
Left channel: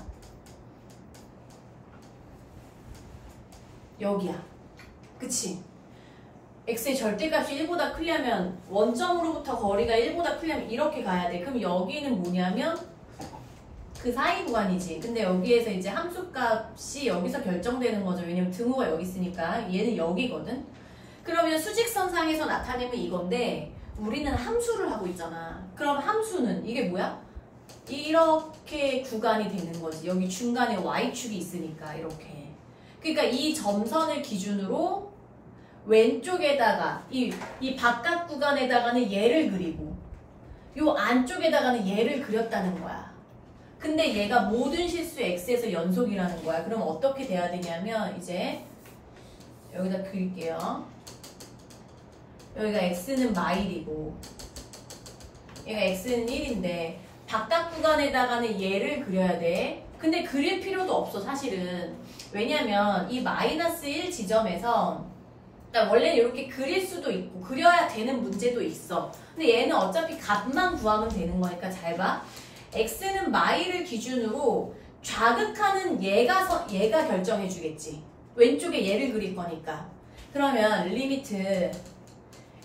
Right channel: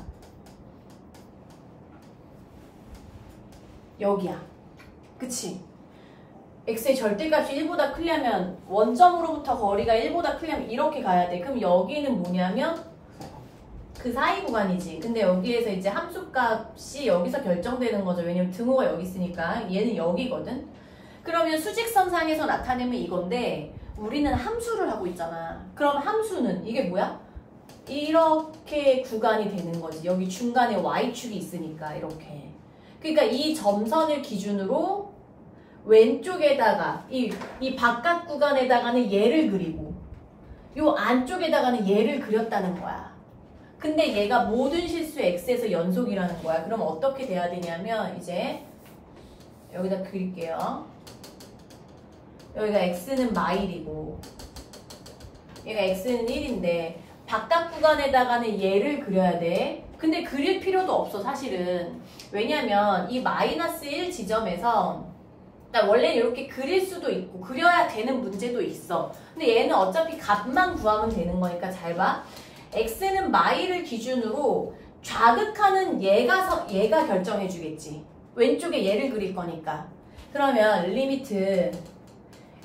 여기야. 그치? x의 절대값이 1보다 크려면 원점으로부터 거리가 1보다 크려면 이렇게 가야 돼. 그럼 여기는 뭐냐면 그 사이 구간이지. 근데 여기에서 이제 함수값이 여기서 결정되는 거죠. 왜냐면 등호가 여기 있으니까. 얘는 여기거든. 그러면 수직선상에서 나타내면 이건데 우리는 함수를 하고 있잖아. 그럼 함수는 이게 뭐야? 이렇게 구간이 되는 거지. 여기 중간에 y축이 있으니까 이렇게. 그러니까 이 점선을 기준으로 왼쪽에다가 이 바깥 구간에다가는 얘를 그리고 요 안쪽에다가는 얘를 그렸다는 거야. 근데 얘가 모든 실수 x에서 연속이라는 거야. 그럼 어떻게 돼야 되냐면 이제 여기다 그릴게요. 여기가 x는 마일이고 얘가 x는 1인데 바깥 구간에다가는 얘를 그려야 돼. 근데 그릴 필요도 없어 사실은. 왜냐면 이 마이너스 1 지점에서 원래 이렇게 그릴 수도 있고 그려야 되는 문제도 있어. 근데 얘는 어차피 값만 구하면 되는 거니까 잘 봐. x는 마일을 기준으로 좌극하는 얘가 결정해 주겠지. 왼쪽에 얘를 그릴 거니까. 그러면 리미트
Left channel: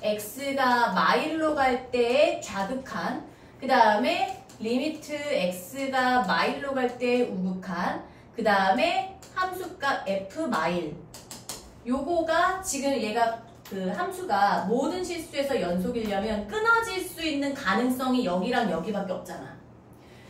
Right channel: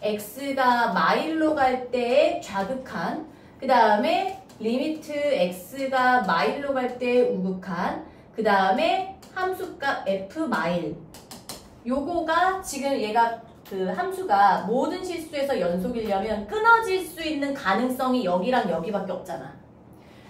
x가 마일로 갈 때의 좌극한, 그 다음에 리미트 x가 마일로 갈 때의 우극한, 그 다음에 함수값 f 마일. 요거가 지금 얘가 그 함수가 모든 실수에서 연속이려면 끊어질 수 있는 가능성이 여기랑 여기밖에 없잖아.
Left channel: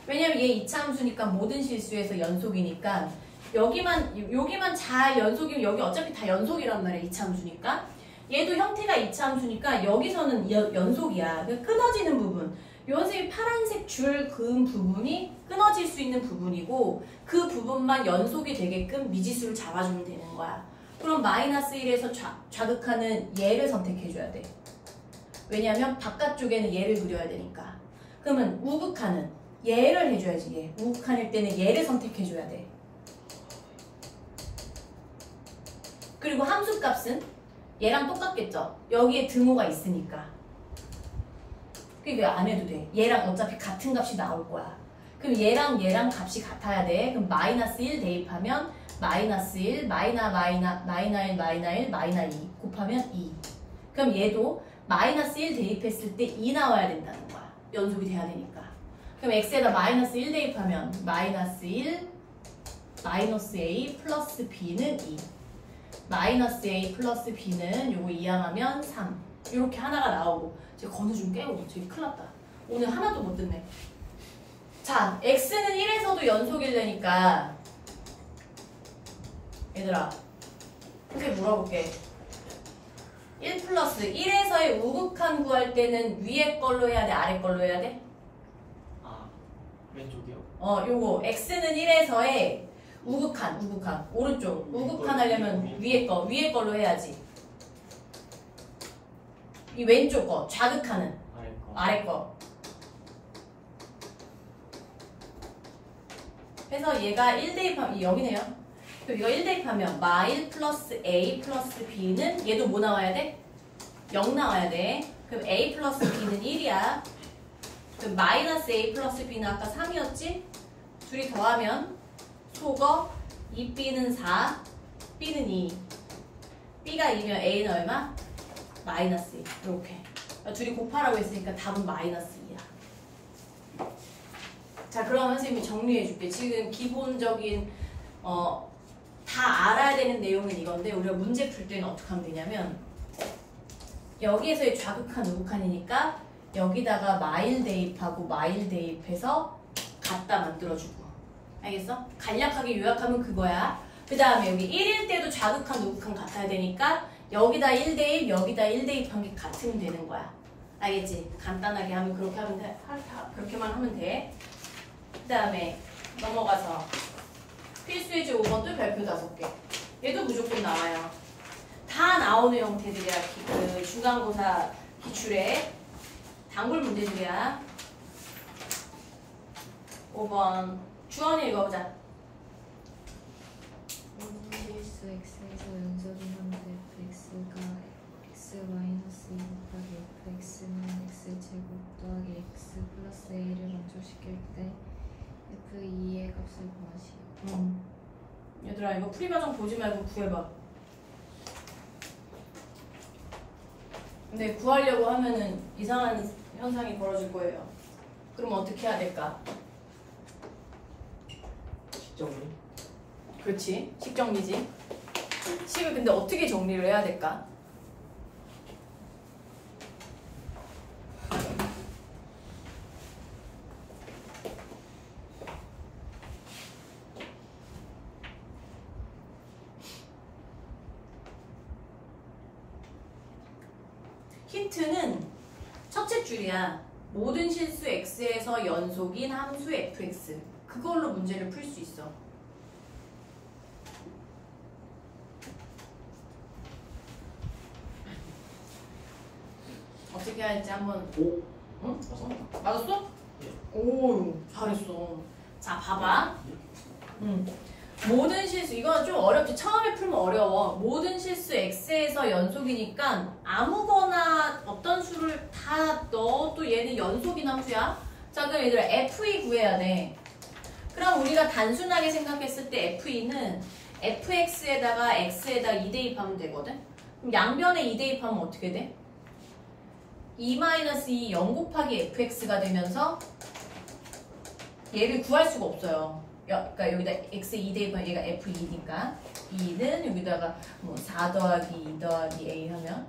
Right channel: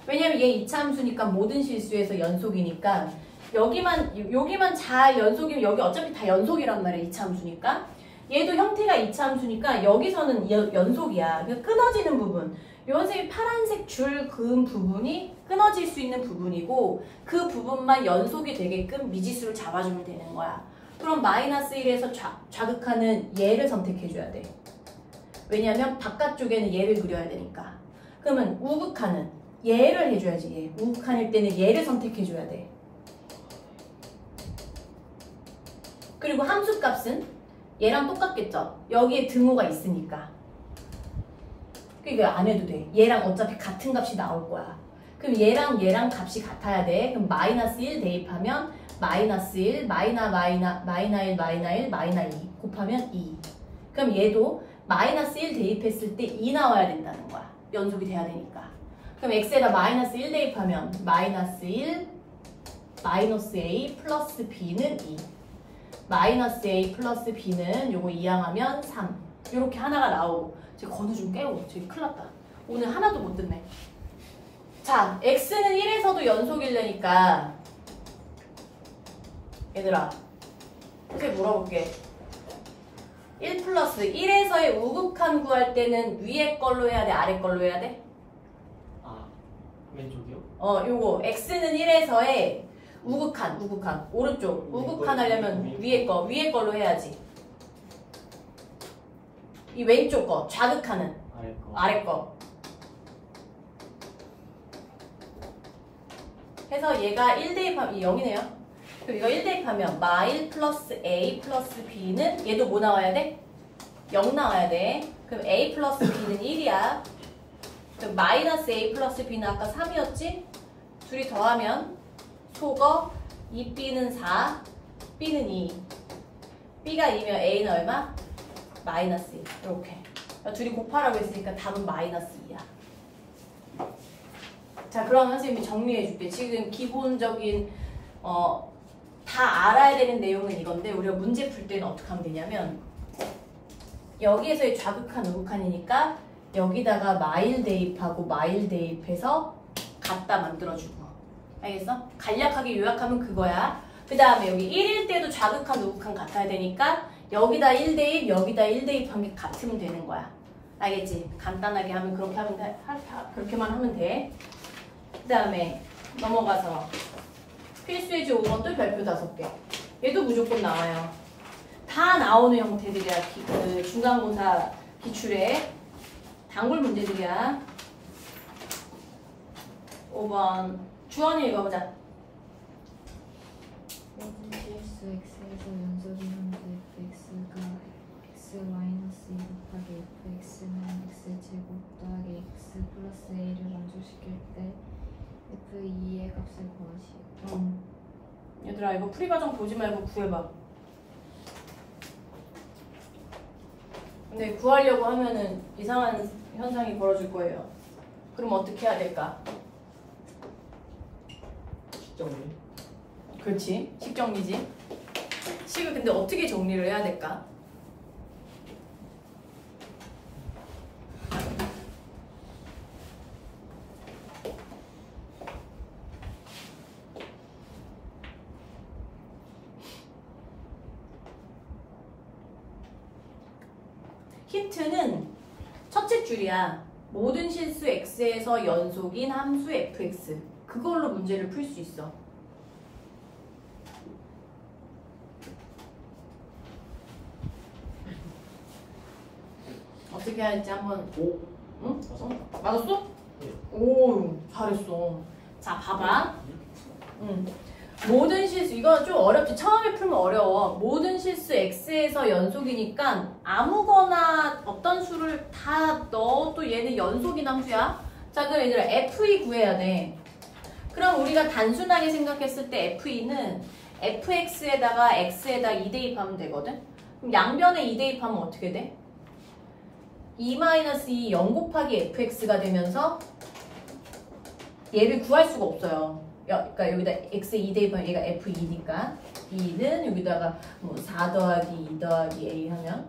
왜냐면 얘 2차 함수니까 모든 실수에서 연속이니까 여기만 잘 연속이면 여기 어차피 다 연속이란 말이야. 2차 함수니까. 얘도 형태가 2차 함수니까 여기서는 연속이야. 끊어지는 부분. 요 선생님이 파란색 줄 그은 부분이 끊어질 수 있는 부분이고 그 부분만 연속이 되게끔 미지수를 잡아주면 되는 거야. 그럼 마이너스 1에서 좌극하는 얘를 선택해줘야 돼. 왜냐면 바깥쪽에는 얘를 그려야 되니까. 그러면 우극하는 얘를 해줘야지. 얘. 우극한일 때는 얘를 선택해줘야 돼. 그리고 함수값은 얘랑 똑같겠죠? 여기에 등호가 있으니까. 그러니까 안 해도 돼. 얘랑 어차피 같은 값이 나올 거야. 그럼 얘랑 값이 같아야 돼. 그럼 마이너스 1 대입하면 마이너스 1, 마이너 2 곱하면 2. 그럼 얘도 마이너스 1 대입했을 때 2 나와야 된다는 거야. 연속이 돼야 되니까. 그럼 x에다 마이너스 1 대입하면 마이너스 1, 마이너스 a 플러스 b는 2. 마이너스 a 플러스 b는 요거 이항하면 3. 이렇게 하나가 나오고. 제가 건우 좀 깨우고. 저기 큰일 났다. 오늘 하나도 못 듣네. 자, x는 1에서도 연속이려니까 얘들아 이렇게 물어볼게. 1 플러스 1에서의 우극한 구할 때는 위에 걸로 해야 돼? 아래 걸로 해야 돼? 아 왼쪽이요? 요거 x는 1에서의 우극한 오른쪽 우극한 하려면 위에 걸로 해야지. 이 왼쪽 거 좌극하는 아래 거 해서 얘가 1 대입하면 여기네요. 그럼 이거 1 대입하면 마1 플러스 a 플러스 b는 얘도 뭐 나와야 돼? 0 나와야 돼. 그럼 a 플러스 b는 1이야. 그럼 마이너스 a 플러스 b는 아까 3이었지? 둘이 더하면 속어 2b는 4, b는 2. b가 2면 a는 얼마? 마이너스 2. 이렇게. 둘이 곱하라고 했으니까 답은 마이너스 2야. 자, 그럼 선생님이 정리해줄게. 지금 기본적인 다 알아야 되는 내용은 이건데 우리가 문제 풀 때는 어떻게 하면 되냐면 여기에서의 좌극한 우극한이니까 여기다가 마일 대입하고 마일 대입해서 갖다 만들어주고. 알겠어? 간략하게 요약하면 그거야. 그 다음에 여기 1일 때도 좌극한 우극한 같아야 되니까 여기다 1 대입 여기다 1 대입한 게 같으면 되는 거야. 알겠지? 간단하게 하면 그렇게 하면 돼. 그렇게만 하면 돼. 그 다음에 넘어가서 필수예제 5번도 별표 5개. 얘도 무조건 나와요. 다 나오는 형태들이야. 그 중간고사 기출에 단골 문제들이야. 5번 주원이 읽어보자. x에서 연속인 형태 fx가 x-2 곱하기 fx는 x제곱 더하기 x 플러스 a를 만족시킬 때 f2의 값을 구하시오. 얘들아 이거 풀이과정 보지 말고 구해봐. 근데 구하려고 하면은 이상한 현상이 벌어질 거예요. 그럼 어떻게 해야 될까? 식정리? 그렇지. 식정리지. 식을 근데 어떻게 정리를 해야 될까? 힌트는 첫째 줄이야. 모든 실수 x에서 연속인 함수 fx. 그걸로 문제를 풀 수 있어. 어떻게 할지 한번. 오. 응? 맞았다. 맞았어? 네. 오, 잘했어. 자, 봐봐. 모든 실수, 이거 좀 어렵지. 처음에 풀면 어려워. 모든 실수 x에서 연속이니까 아무거나 어떤 수를 다 넣어도 얘는 연속인 함수야. 자, 그럼 얘들아 f2 구해야 돼. 그럼 우리가 단순하게 생각했을 때 f2는 fx에다가 x에다 2 대입하면 되거든? 그럼 양변에 2 대입하면 어떻게 돼? 2-2 0 곱하기 fx가 되면서 얘를 구할 수가 없어요. 그러니까 여기다 x 2 대입하면 얘가 f2니까 2는 여기다가 뭐 4 더하기 2 더하기 a 하면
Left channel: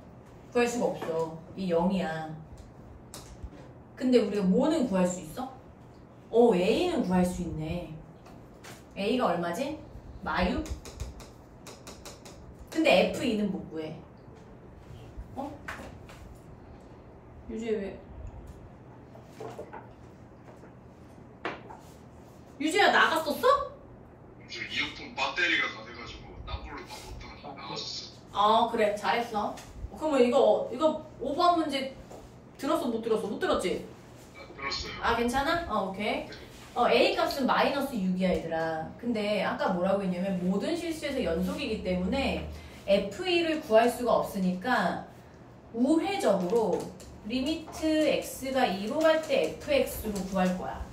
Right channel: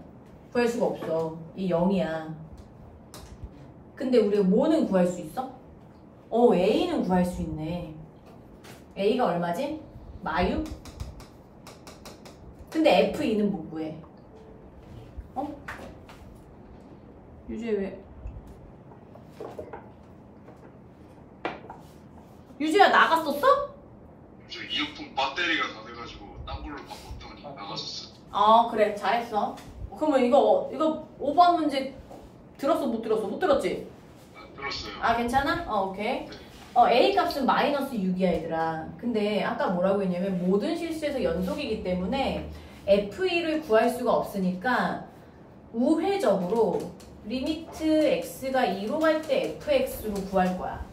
구할 수가 없어. 이 0이야. 근데 우리가 뭐는 구할 수 있어? a는 구할 수 있네. a가 얼마지? 마유? 근데 f2는 뭐 구해? 유주야 왜? 유주야 나갔었어? 저 이어폰 배터리가 다 돼가지고 딴 걸로 바꿨더니 나갔었어요. 아 그래 잘했어. 그러면 이거 5번 문제 들었어 못 들었어? 못 들었지? 들었어요. 아 괜찮아? 오케이. A 값은 마이너스 6이야 얘들아. 근데 아까 뭐라고 했냐면 모든 실수에서 연속이기 때문에 F2를 구할 수가 없으니까 우회적으로 리미트 x가 2로 갈 때 fx로 구할 거야.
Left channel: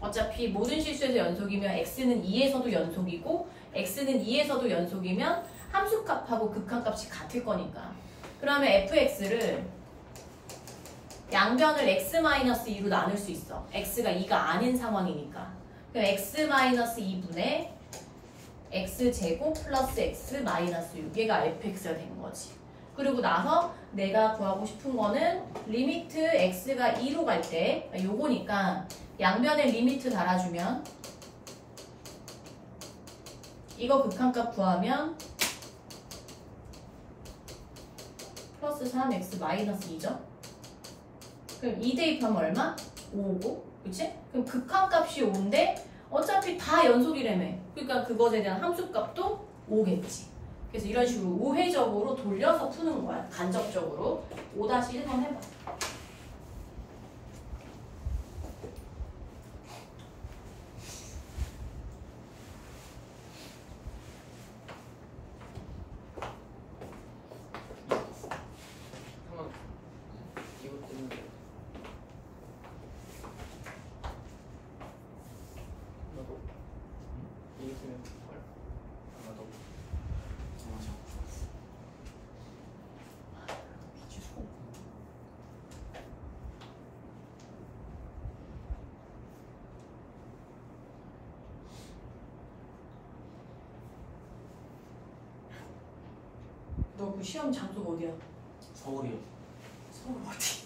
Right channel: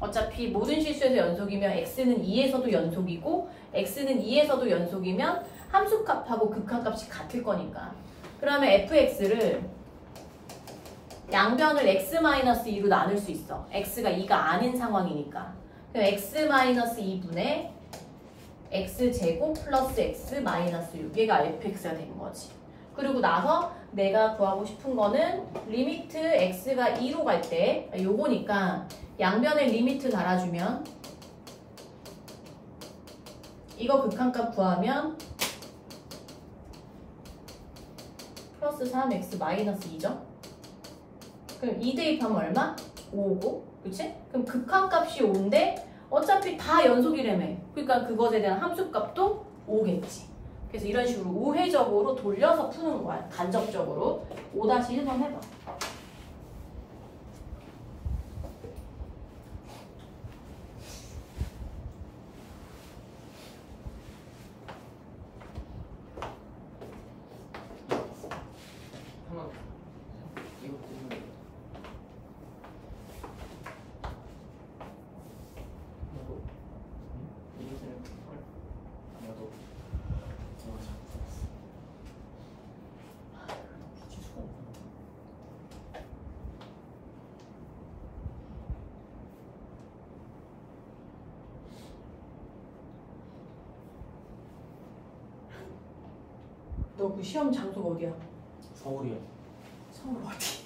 어차피 모든 실수에서 연속이면 x는 2에서도 연속이고 x는 2에서도 연속이면 함수값하고 극한값이 같을 거니까. 그러면 fx를 양변을 x-2로 나눌 수 있어. x가 2가 아닌 상황이니까. 그럼 x-2분의 x제곱 플러스 x-6 얘가 fx가 된 거지. 그리고 나서 내가 구하고 싶은 거는 리미트 x가 2로 갈 때 요거니까 양변에 리미트 달아주면 이거 극한값 구하면 플러스 3x 마이너스 2죠? 그럼 2 대입하면 얼마? 5고 그치? 그럼 극한값이 5인데 어차피 다 연속이라며. 그러니까 그것에 대한 함수값도 5겠지. 그래서 이런 식으로 우회적으로 돌려서 푸는 거야. 간접적으로. 5-1번 해봐. 이것 때문에 너도 이것 때문에 아마도 정하지 않았어. 지수가 없네. 너 그 시험 장소가 어디야? 서울이요. 서울 어디?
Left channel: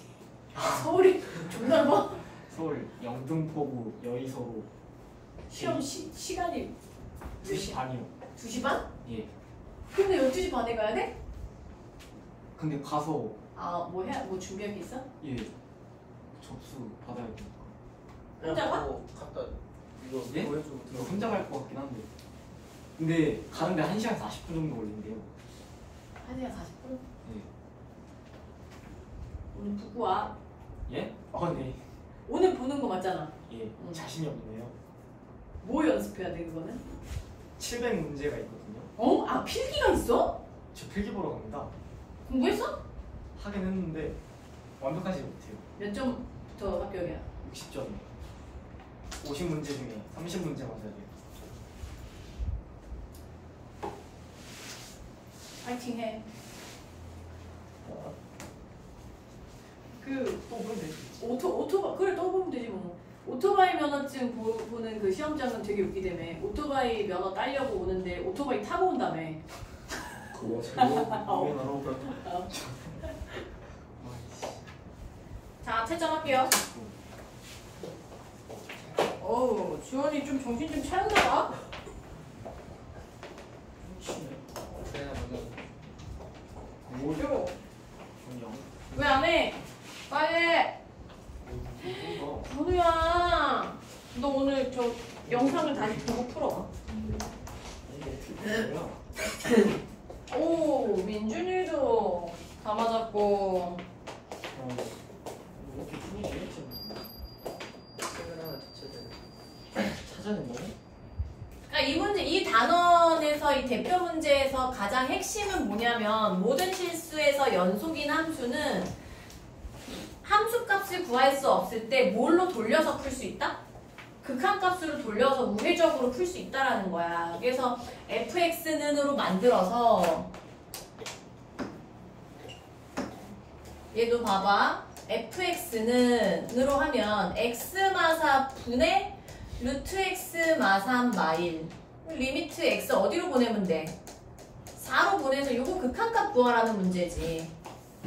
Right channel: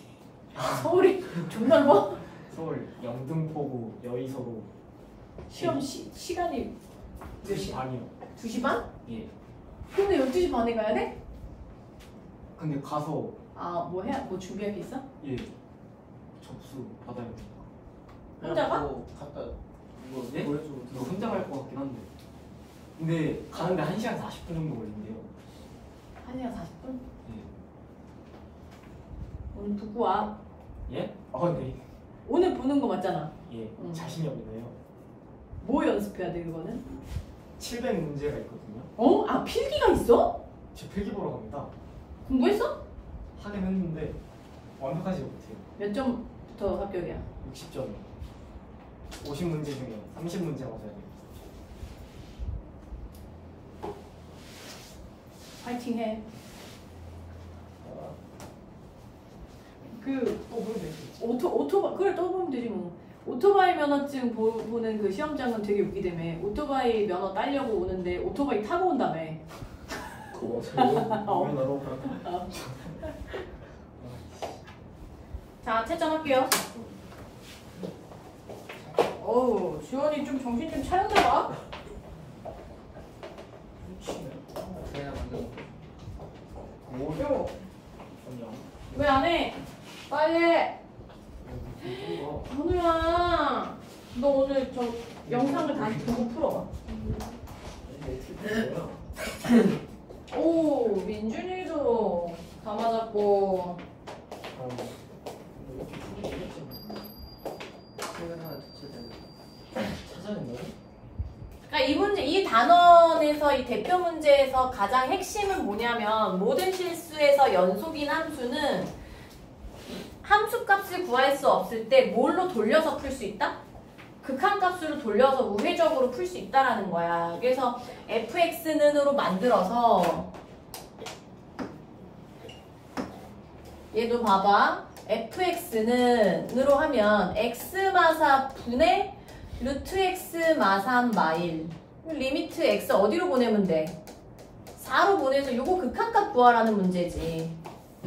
서울이 존나 넓어? 서울 영등포구 여의서로 시험 시간이 몇 2시 시? 반이요. 2시 반? 예. 근데 12시 반에 가야 돼? 근데 가서 아, 뭐 준비할 게 있어? 예 접수 받아야 되니까. 혼자 가? 보고 갖다 이거 예? 보여주고 이거 혼자 갈 것 같긴 한데. 근데 가는데 1시간 40분 정도 걸린대요. 1시간 40분? 예. 오늘 보고 와. 예? 네. 오늘 보는 거 맞잖아. 예. 응. 자신이 없네요. 뭐 연습해야 돼 그거는? 700 문제가 있거든요. 어? 아 필기가 있어? 저 필기 보러 갑니다. 공부했어? 하긴 했는데 완벽하지 못해요. 몇 점부터 합격이야? 60점. 50문제 중에 30문제 맞아야 돼요. 파이팅 해. 그 보면 되지. 오토바이 그걸 떠보면 되지 뭐. 오토바이 면허증 보는 그 시험장은 되게 웃기다며. 오토바이 면허 따려고 오는데 오토바이 타고 온다며. 그거 너무 자 채점할게요. 어우 주원이 좀 정신 좀 차렸나? 훔치네. 그래야 맞는 요. 전형. 왜 안 해? 빨리. 건우야, 너 오늘 저 영상을 다시 보고 풀어봐. 오, 민준이도 다 맞았고. 이렇게 풀면 되겠지. 책을 하나 자체를 찾아낸 거예요? 그러니까 이 문제, 이 단원에서 이 대표 문제에서 가장 핵심은 뭐냐면 모든 실수에서 연속인 함수는 함수 값을 구할 수 없을 때 뭘로 돌려서 풀 수 있다? 극한값으로 돌려서 우회적으로 풀 수 있다라는 거야. 그래서 fx는으로 만들어서 얘도 봐봐. fx는으로 하면 x마사 분의 루트 x 마삼 마일 리미트 x 어디로 보내면 돼? 4로 보내서 이거 극한값 구하라는 문제지.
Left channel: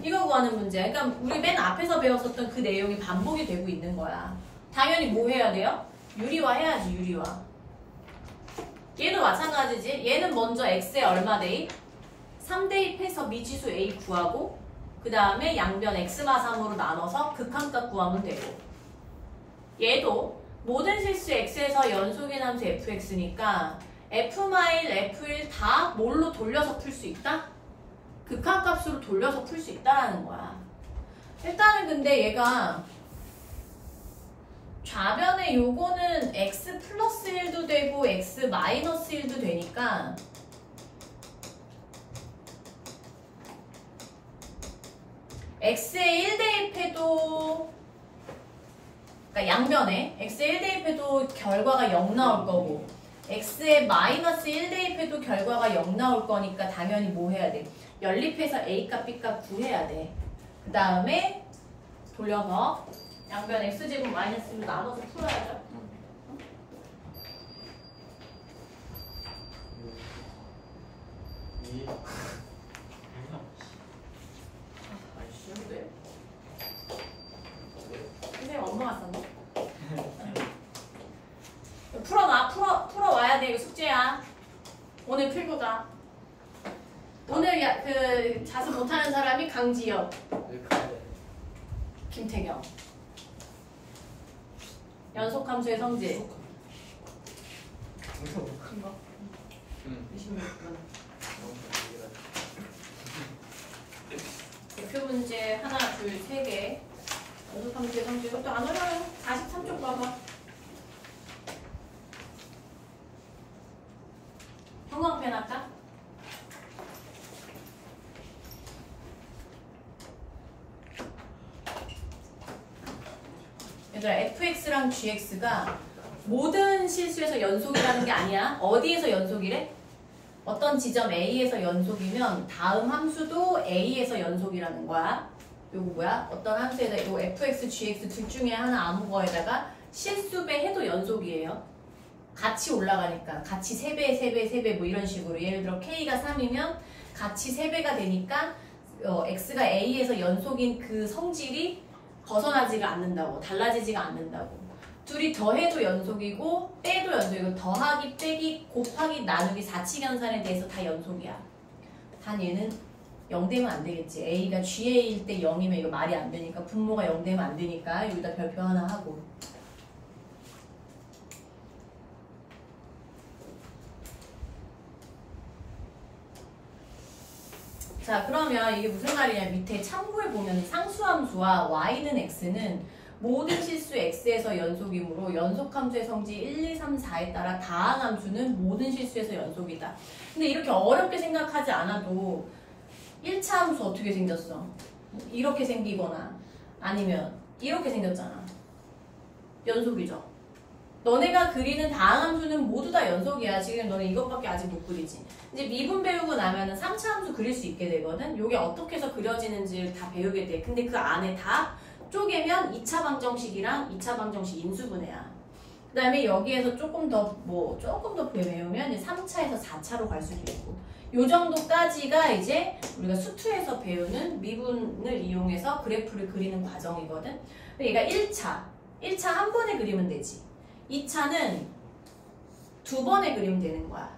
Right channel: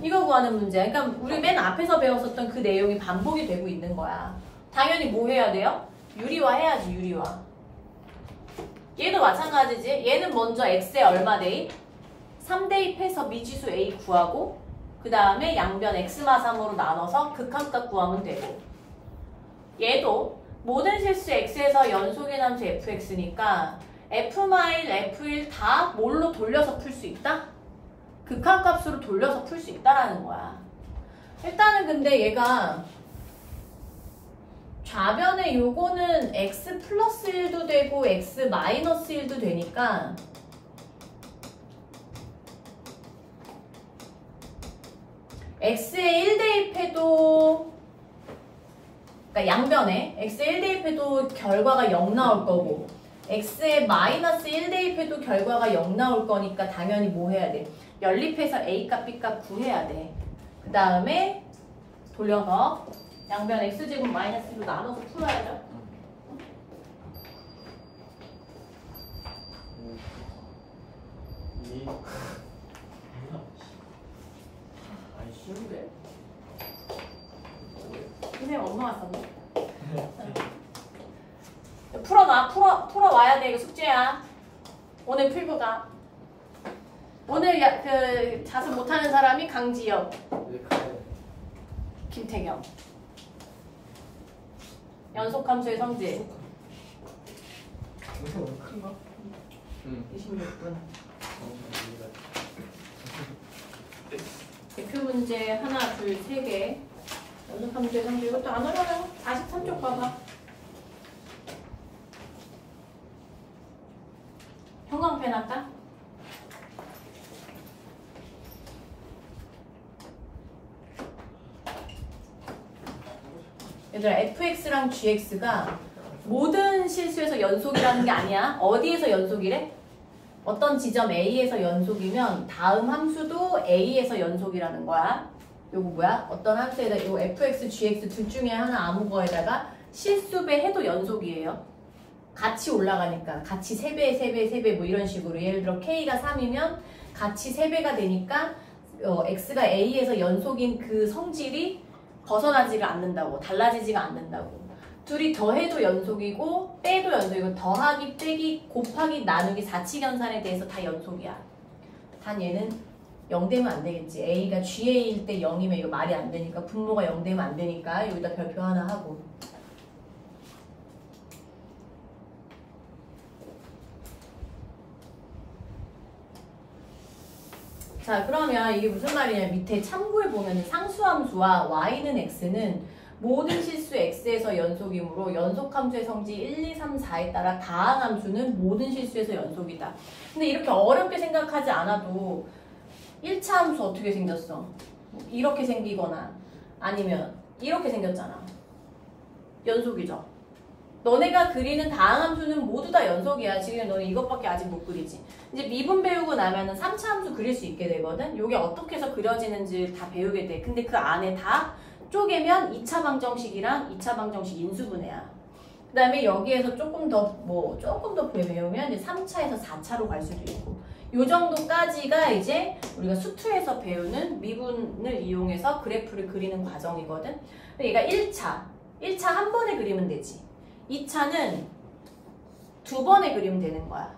이거 구하는 문제야. 그러니까 우리 맨 앞에서 배웠었던 그 내용이 반복이 되고 있는 거야. 당연히 뭐 해야 돼요? 유리화 해야지. 유리화. 얘도 마찬가지지. 얘는 먼저 x에 얼마 대입? 3 대입해서 미지수 a 구하고 그 다음에 양변 x마삼으로 나눠서 극한값 구하면 되고 얘도 모든 실수 x에서 연속인 함수 fx니까 f-, f1 다 뭘로 돌려서 풀 수 있다? 극한값으로 돌려서 풀 수 있다라는 거야. 일단은 근데 얘가 좌변에 요거는 x 플러스 1도 되고 x 마이너스 1도 되니까 x에 1 대입해도 그러니까 양변에 x에 1 대입해도 결과가 0 나올 거고 x에 마이너스 1 대입해도 결과가 0 나올 거니까 당연히 뭐 해야 돼? 연립해서 a값 b값 구해야 돼. 그 다음에 돌려서 양변 x제곱 마이너스로 나눠서 풀어야죠. 쉬운데? 선생님 엄마가 썼네. 풀어와야 돼. 이거 숙제야. 오늘 필부가. 오늘 그 자습 못하는 사람이 강지영, 왜 가야 돼? 김태경. 연속함수의 성질. 동생 너무 큰가? 응. 26분. 대표 문제 하나, 둘, 세 개. 연속함수의 성질. 이것도 안 어려워요. 43쪽 봐봐. 형광펜 할까? 얘들아 fx랑 gx가 모든 실수에서 연속이라는 게 아니야. 어디에서 연속이래? 어떤 지점 A에서 연속이면 다음 함수도 A에서 연속이라는 거야. 요거 뭐야? 어떤 함수에다 요 fx, gx 둘 중에 하나 아무 거에다가 실수배 해도 연속이에요. 같이 올라가니까 같이 3배, 3배, 3배 뭐 이런 식으로 예를 들어 k가 3이면 같이 3배가 되니까 x가 A에서 연속인 그 성질이 벗어나지가 않는다고, 달라지지가 않는다고. 둘이 더해도 연속이고 빼도 연속이고 더하기, 빼기, 곱하기, 나누기, 사칙연산에 대해서 다 연속이야. 단 얘는 0 되면 안 되겠지. A가 GA일 때 0이면 이거 말이 안 되니까 분모가 0 되면 안 되니까 여기다 별표 하나 하고. 자 그러면 이게 무슨 말이냐. 밑에 참고해 보면 상수함수와 y는 x는 모든 실수 x에서 연속이므로 연속함수의 성질 1, 2, 3, 4에 따라 다항함수는 모든 실수에서 연속이다. 근데 이렇게 어렵게 생각하지 않아도 1차 함수 어떻게 생겼어? 이렇게 생기거나 아니면 이렇게 생겼잖아. 연속이죠. 너네가 그리는 다항함수는 모두 다 연속이야. 지금 너네 이것밖에 아직 못 그리지. 이제 미분 배우고 나면은 3차 함수 그릴 수 있게 되거든. 요게 어떻게 해서 그려지는지 다 배우게 돼. 근데 그 안에 다 쪼개면 2차 방정식이랑 2차 방정식 인수분해야. 그 다음에 여기에서 조금 더 배우면 이제 3차에서 4차로 갈 수도 있고. 요 정도까지가 이제 우리가 수투에서 배우는 미분을 이용해서 그래프를 그리는 과정이거든. 얘가 1차 한 번에 그리면 되지. 2차는 두 번에 그리면 되는 거야.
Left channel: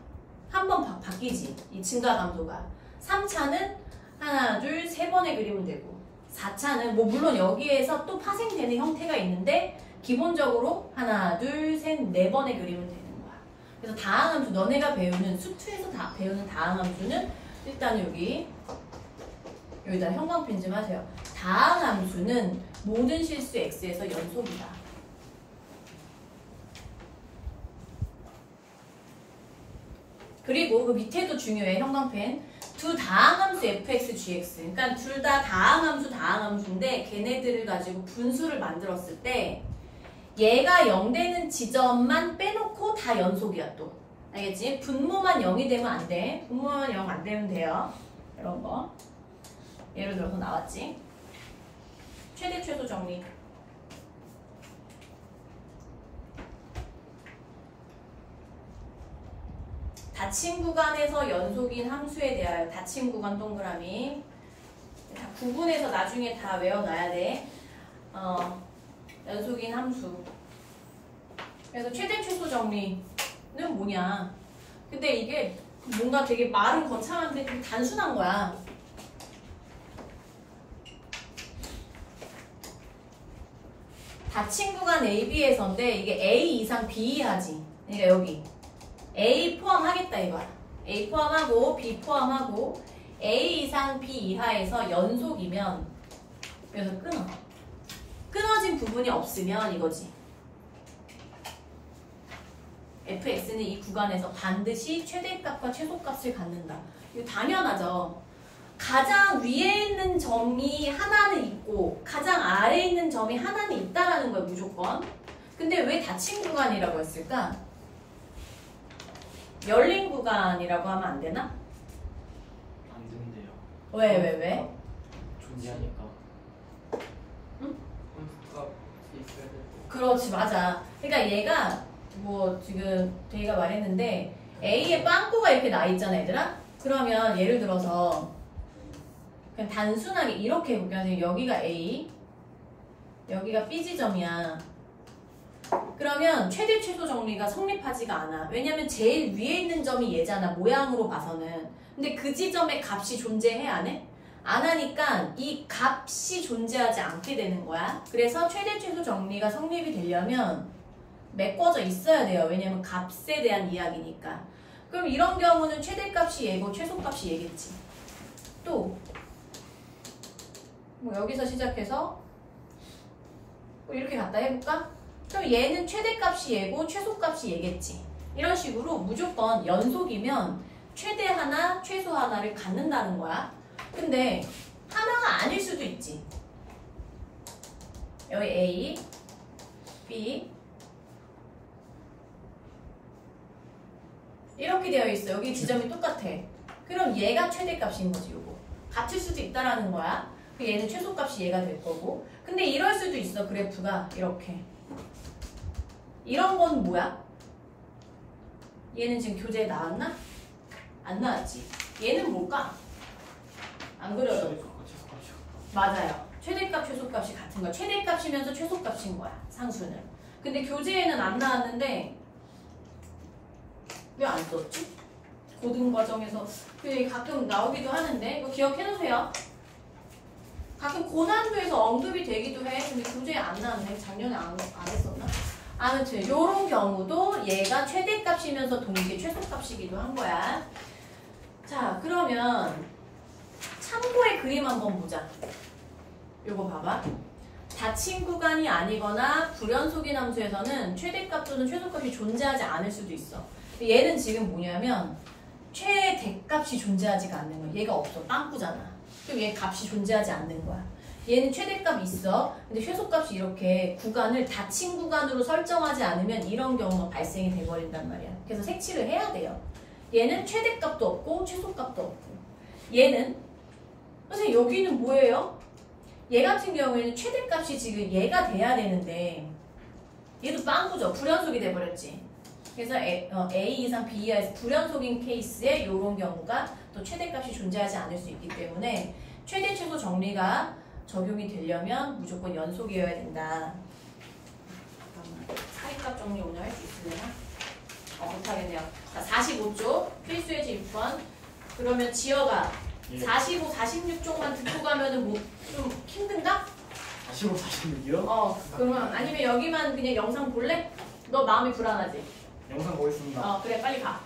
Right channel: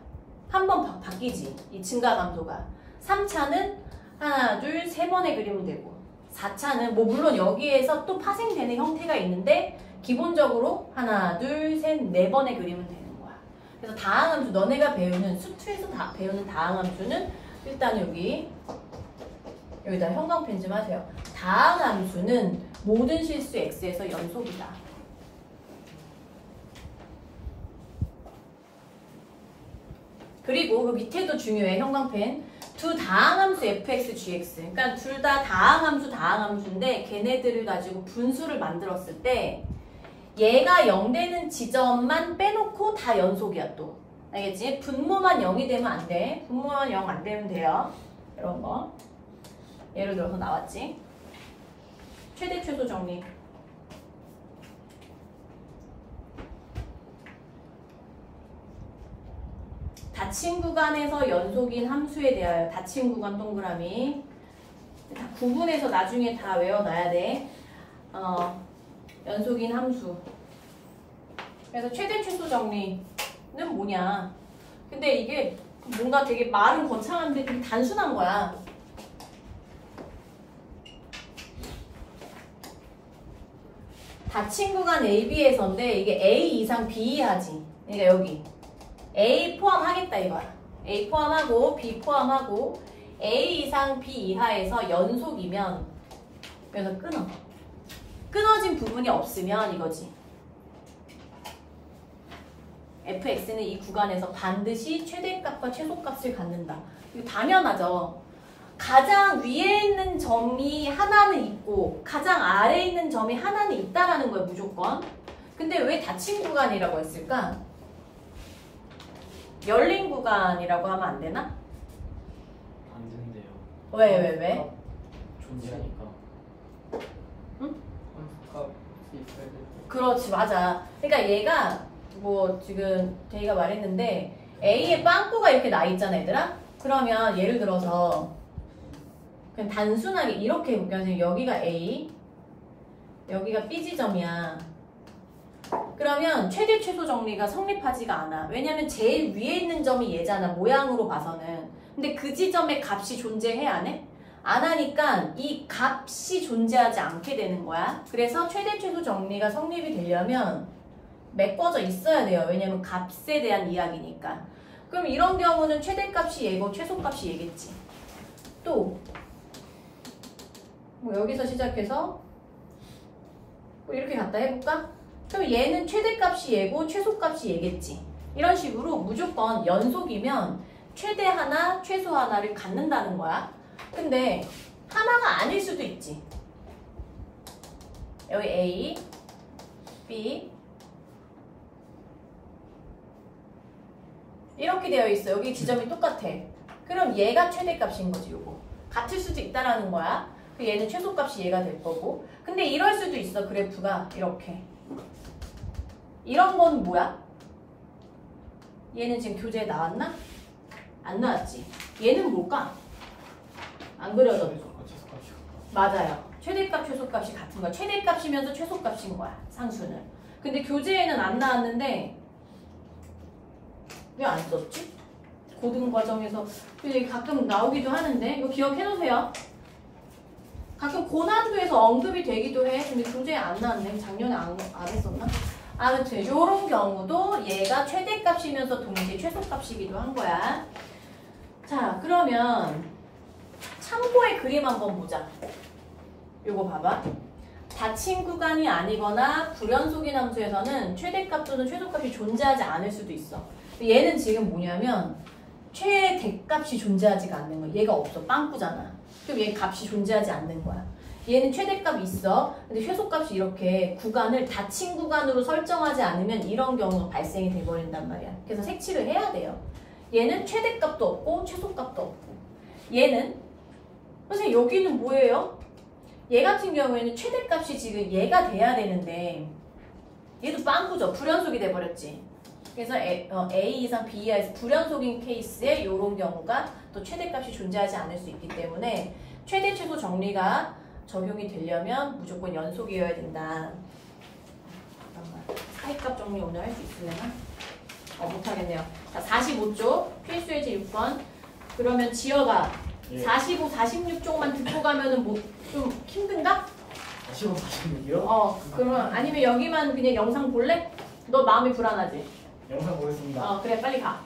한 번 바뀌지. 이 증가 강도가. 3차는 하나, 둘, 세 번에 그리면 되고 4차는 뭐 물론 여기에서 또 파생되는 형태가 있는데 기본적으로 하나, 둘, 셋, 네 번에 그리면 되는 거야. 그래서 다항함수 너네가 배우는 수투에서 배우는 다항함수는 일단은 여기다 형광펜 좀 하세요. 다항함수는 모든 실수 x에서 연속이다. 그리고 그 밑에도 중요해. 형광펜. 두 다항함수 fx, gx. 그러니까 둘 다 다항함수인데 걔네들을 가지고 분수를 만들었을 때 얘가 0 되는 지점만 빼놓고 다 연속이야 또. 알겠지? 분모만 0이 되면 안 돼. 분모만 0 안 되면 돼요. 이런 거. 예를 들어서 나왔지. 최대 최소 정리. 닫힌 구간에서 연속인 함수에 대하여 닫힌 구간 동그라미. 구분해서 나중에 다 외워놔야 돼. 연속인 함수. 그래서 최대 최소 정리는 뭐냐. 근데 이게 뭔가 되게 말은 거창한데 되게 단순한 거야. 닫힌 구간 AB에서인데 이게 A 이상 B 이하지. 그러니까 여기 A 포함하겠다 이거야. A 포함하고 B 포함하고 A 이상 B 이하에서 연속이면 그래서 끊어. 끊어진 부분이 없으면 이거지. fx는 이 구간에서 반드시 최대값과 최소값을 갖는다. 이거 당연하죠. 가장 위에 있는 점이 하나는 있고 가장 아래에 있는 점이 하나는 있다라는 거예요. 무조건. 근데 왜 닫힌 구간이라고 했을까? 열린 구간이라고 하면 안 되나? 안 된대요. 왜? 존재하니까. 응? 함수값이 있어야 돼. 그렇지, 맞아. 그러니까 얘가 뭐 지금 저희가 말했는데 A에 빵꾸가 이렇게 나 있잖아, 얘들아? 그러면 예를 들어서 그냥 단순하게 이렇게 해볼게요. 여기가 A, 여기가 B 지점이야. 그러면 최대 최소 정리가 성립하지가 않아. 왜냐면 제일 위에 있는 점이 얘잖아, 모양으로 봐서는. 근데 그 지점에 값이 존재해, 안 해? 안 하니까 이 값이 존재하지 않게 되는 거야. 그래서 최대 최소 정리가 성립이 되려면 메꿔져 있어야 돼요. 왜냐면 값에 대한 이야기니까. 그럼 이런 경우는 최대값이 얘고 최소값이 얘겠지. 또 뭐 여기서 시작해서 뭐 이렇게 갖다 해볼까? 그럼 얘는 최대값이 얘고 최소값이 얘겠지. 이런 식으로 무조건 연속이면 최대 하나, 최소 하나를 갖는다는 거야. 근데 하나가 아닐 수도 있지. 여기 A, B 이렇게 되어 있어. 여기 지점이 똑같아. 그럼 얘가 최대값인 거지, 요거. 같을 수도 있다라는 거야. 얘는 최소값이 얘가 될 거고. 근데 이럴 수도 있어, 그래프가. 이렇게. 이런 건 뭐야? 얘는 지금 교재에 나왔나? 안 나왔지. 얘는 뭘까? 안 그려졌어. 맞아요. 최대값, 최소값이 같은 거야. 최대값이면서 최소값인 거야, 상수는. 근데 교재에는 안 나왔는데 왜 안 썼지? 고등 과정에서 가끔 나오기도 하는데 이거 기억해 놓으세요. 가끔 고난도에서 언급이 되기도 해. 근데 교재에 안 나왔네. 작년에 안 했었나? 아무튼 이런 경우도 얘가 최대값이면서 동시에 최소값이기도 한 거야. 자, 그러면 참고의 그림 한번 보자. 요거 봐봐. 닫힌 구간이 아니거나 불연속인 함수에서는 최대값 또는 최소값이 존재하지 않을 수도 있어. 얘는 지금 뭐냐면 최대값이 존재하지가 않는 거야. 얘가 없어. 빵꾸잖아. 그럼 얘 값이 존재하지 않는 거야. 얘는 최대값이 있어. 근데 최소값이 이렇게 구간을 닫힌 구간으로 설정하지 않으면 이런 경우가 발생이 돼버린단 말이야. 그래서 색칠을 해야 돼요. 얘는 최대값도 없고 최소값도 없고. 얘는 선생님 여기는 뭐예요? 얘 같은 경우에는 최대값이 지금 얘가 돼야 되는데 얘도 빵꾸죠. 불연속이 돼버렸지. 그래서 A 이상 B 이하에서 불연속인 케이스에 이런 경우가 또 최대값이 존재하지 않을 수 있기 때문에 최대 최소 정리가 적용이 되려면 무조건 연속이어야 된다. 사이값 정리 오늘 할 수 있으려나? 못하겠네요. 자, 45쪽 필수 예제 6번. 그러면 지어가 45, 46쪽만 듣고 가면은 뭐 좀 힘든가? 45, 46이요? 그러면 아니면 여기만 그냥 영상 볼래? 너 마음이 불안하지? 영상 보겠습니다. 그래 빨리 가.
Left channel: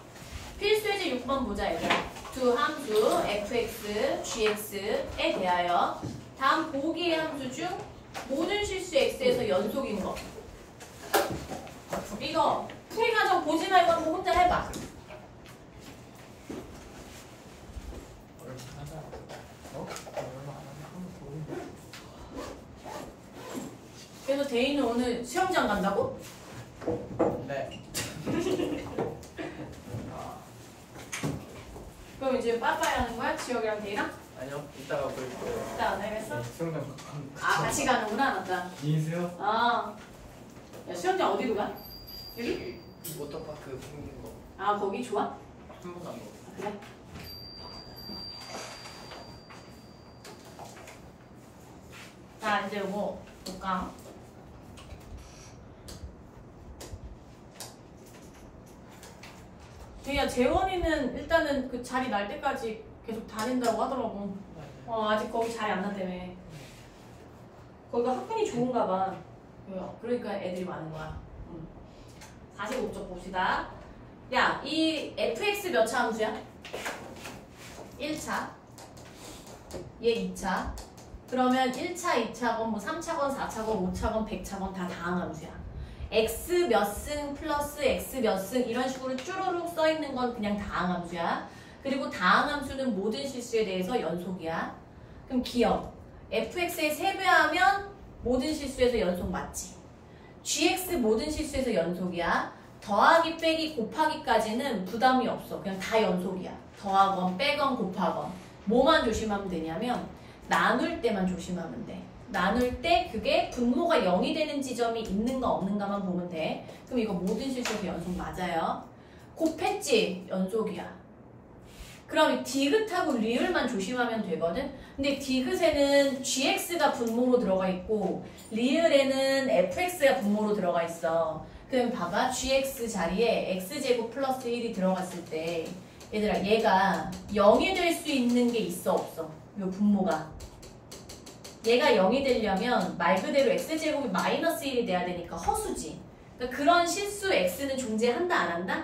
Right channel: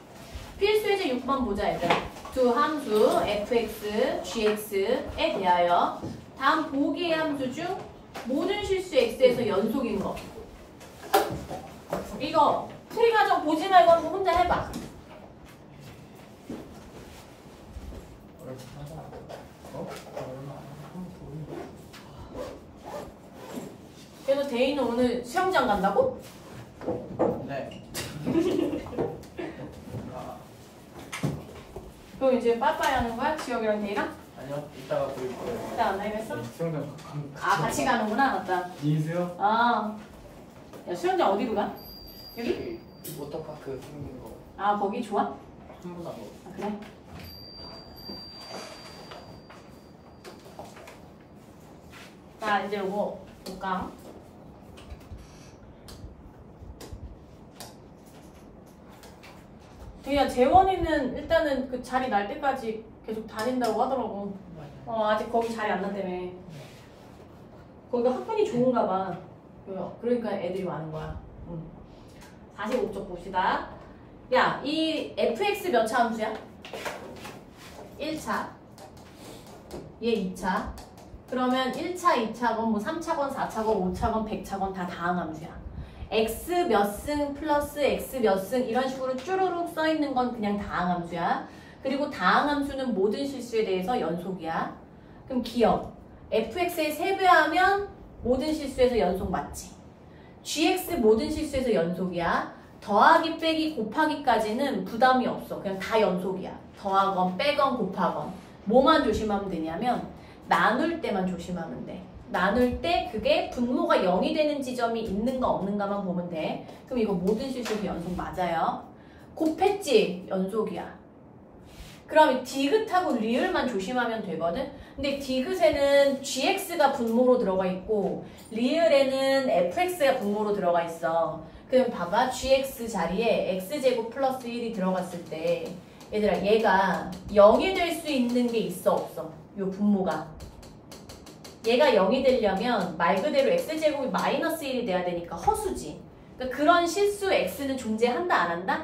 필수 예제 6번 보자 얘들. 두 함수 fx, gx에 대하여 다음 보기의 함수 중 모든 실수 x에서 연속인 거. 이거 풀이 과정 보지 말고 한번 혼자 해봐. 그래서 데이는 오늘 수영장 간다고? 네. 아, 그럼 이제 빠빠이 하는 거야? 지혁이랑 데이랑? 아니요. 이따가 보일 거예요. 일단 안 하겠어? 수영장 아 같이 가는구나 맞다. 미인수요? 아, 야 수영장 어디로 가? 여기? 여기 워터파크 생긴 거 아 거기 좋아? 아 한 번 한 거. 그래? 자 이제 뭐 볼까? 그냥 재원이는 일단은 그 자리 날 때까지 계속 다닌다고 하더라고. 아직 거기 자리 안 났다며. 거기가 학군이 좋은가 봐. 그러니까 애들이 많은 거야. 45쪽 봅시다. 야, 이 fx 몇 차 함수야? 1차. 얘 2차. 그러면 1차, 2차건 뭐 3차건, 4차건, 5차건, 100차건 다 다항 함수야. x 몇 승 플러스 x 몇 승 이런 식으로 쭈루룩 써있는 건 그냥 다항 함수야. 그리고 다항 함수는 모든 실수에 대해서 연속이야. 그럼 기억. fx에 세배하면 모든 실수에서 연속 맞지. gx 모든 실수에서 연속이야. 더하기 빼기 곱하기까지는 부담이 없어. 그냥 다 연속이야. 더하건 빼건 곱하건. 뭐만 조심하면 되냐면 나눌 때만 조심하면 돼. 나눌 때 그게 분모가 0이 되는 지점이 있는가 없는가만 보면 돼. 그럼 이거 모든 실수에서 연속 맞아요. 곱했지? 연속이야. 그럼 디귿하고 리을만 조심하면 되거든. 근데 디귿에는 gx가 분모로 들어가 있고 리을에는 fx가 분모로 들어가 있어. 그럼 봐봐. gx 자리에 x제곱 플러스 1이 들어갔을 때 얘들아 얘가 0이 될 수 있는 게 있어 없어? 요 분모가. 얘가 0이 되려면 말 그대로 x제곱이 마이너스 1이 돼야 되니까 허수지. 그러니까 그런 실수 x는 존재한다 안 한다?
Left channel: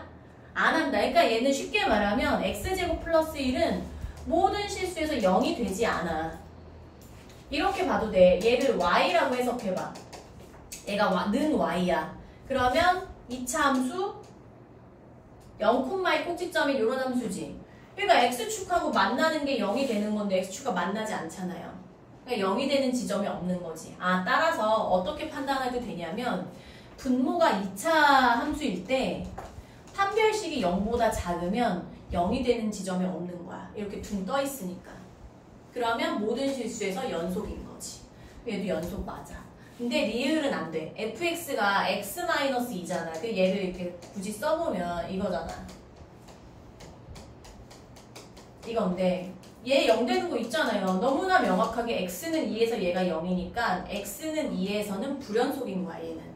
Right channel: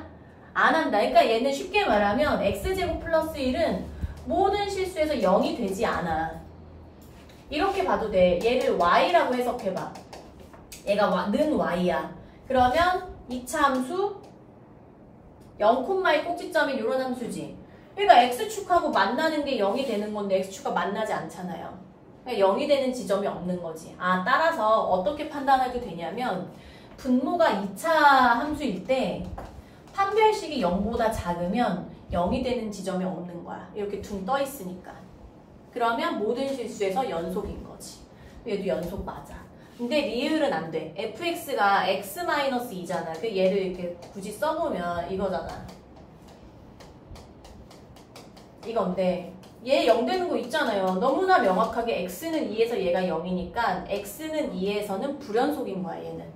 안 한다. 그러니까 얘는 쉽게 말하면 x제곱 플러스 1은 모든 실수에서 0이 되지 않아. 이렇게 봐도 돼. 얘를 y라고 해석해봐. 얘가 는 y야. 그러면 2차 함수 0,2 꼭지점이 이런 함수지. 그러니까 x축하고 만나는 게 0이 되는 건데 x축과 만나지 않잖아요. 그러니까 0이 되는 지점이 없는 거지. 따라서 어떻게 판단하게 되냐면 분모가 2차 함수일 때 판별식이 0보다 작으면 0이 되는 지점이 없는 거야. 이렇게 둥 떠 있으니까. 그러면 모든 실수에서 연속인 거지. 얘도 연속 맞아. 근데 리을은 안 돼. fx가 x-2잖아. 얘를 이렇게 굳이 써보면 이거잖아. 이건데 얘 0 되는 거 있잖아요. 너무나 명확하게 x는 2에서 얘가 0이니까 x는 2에서는 불연속인 거야 얘는.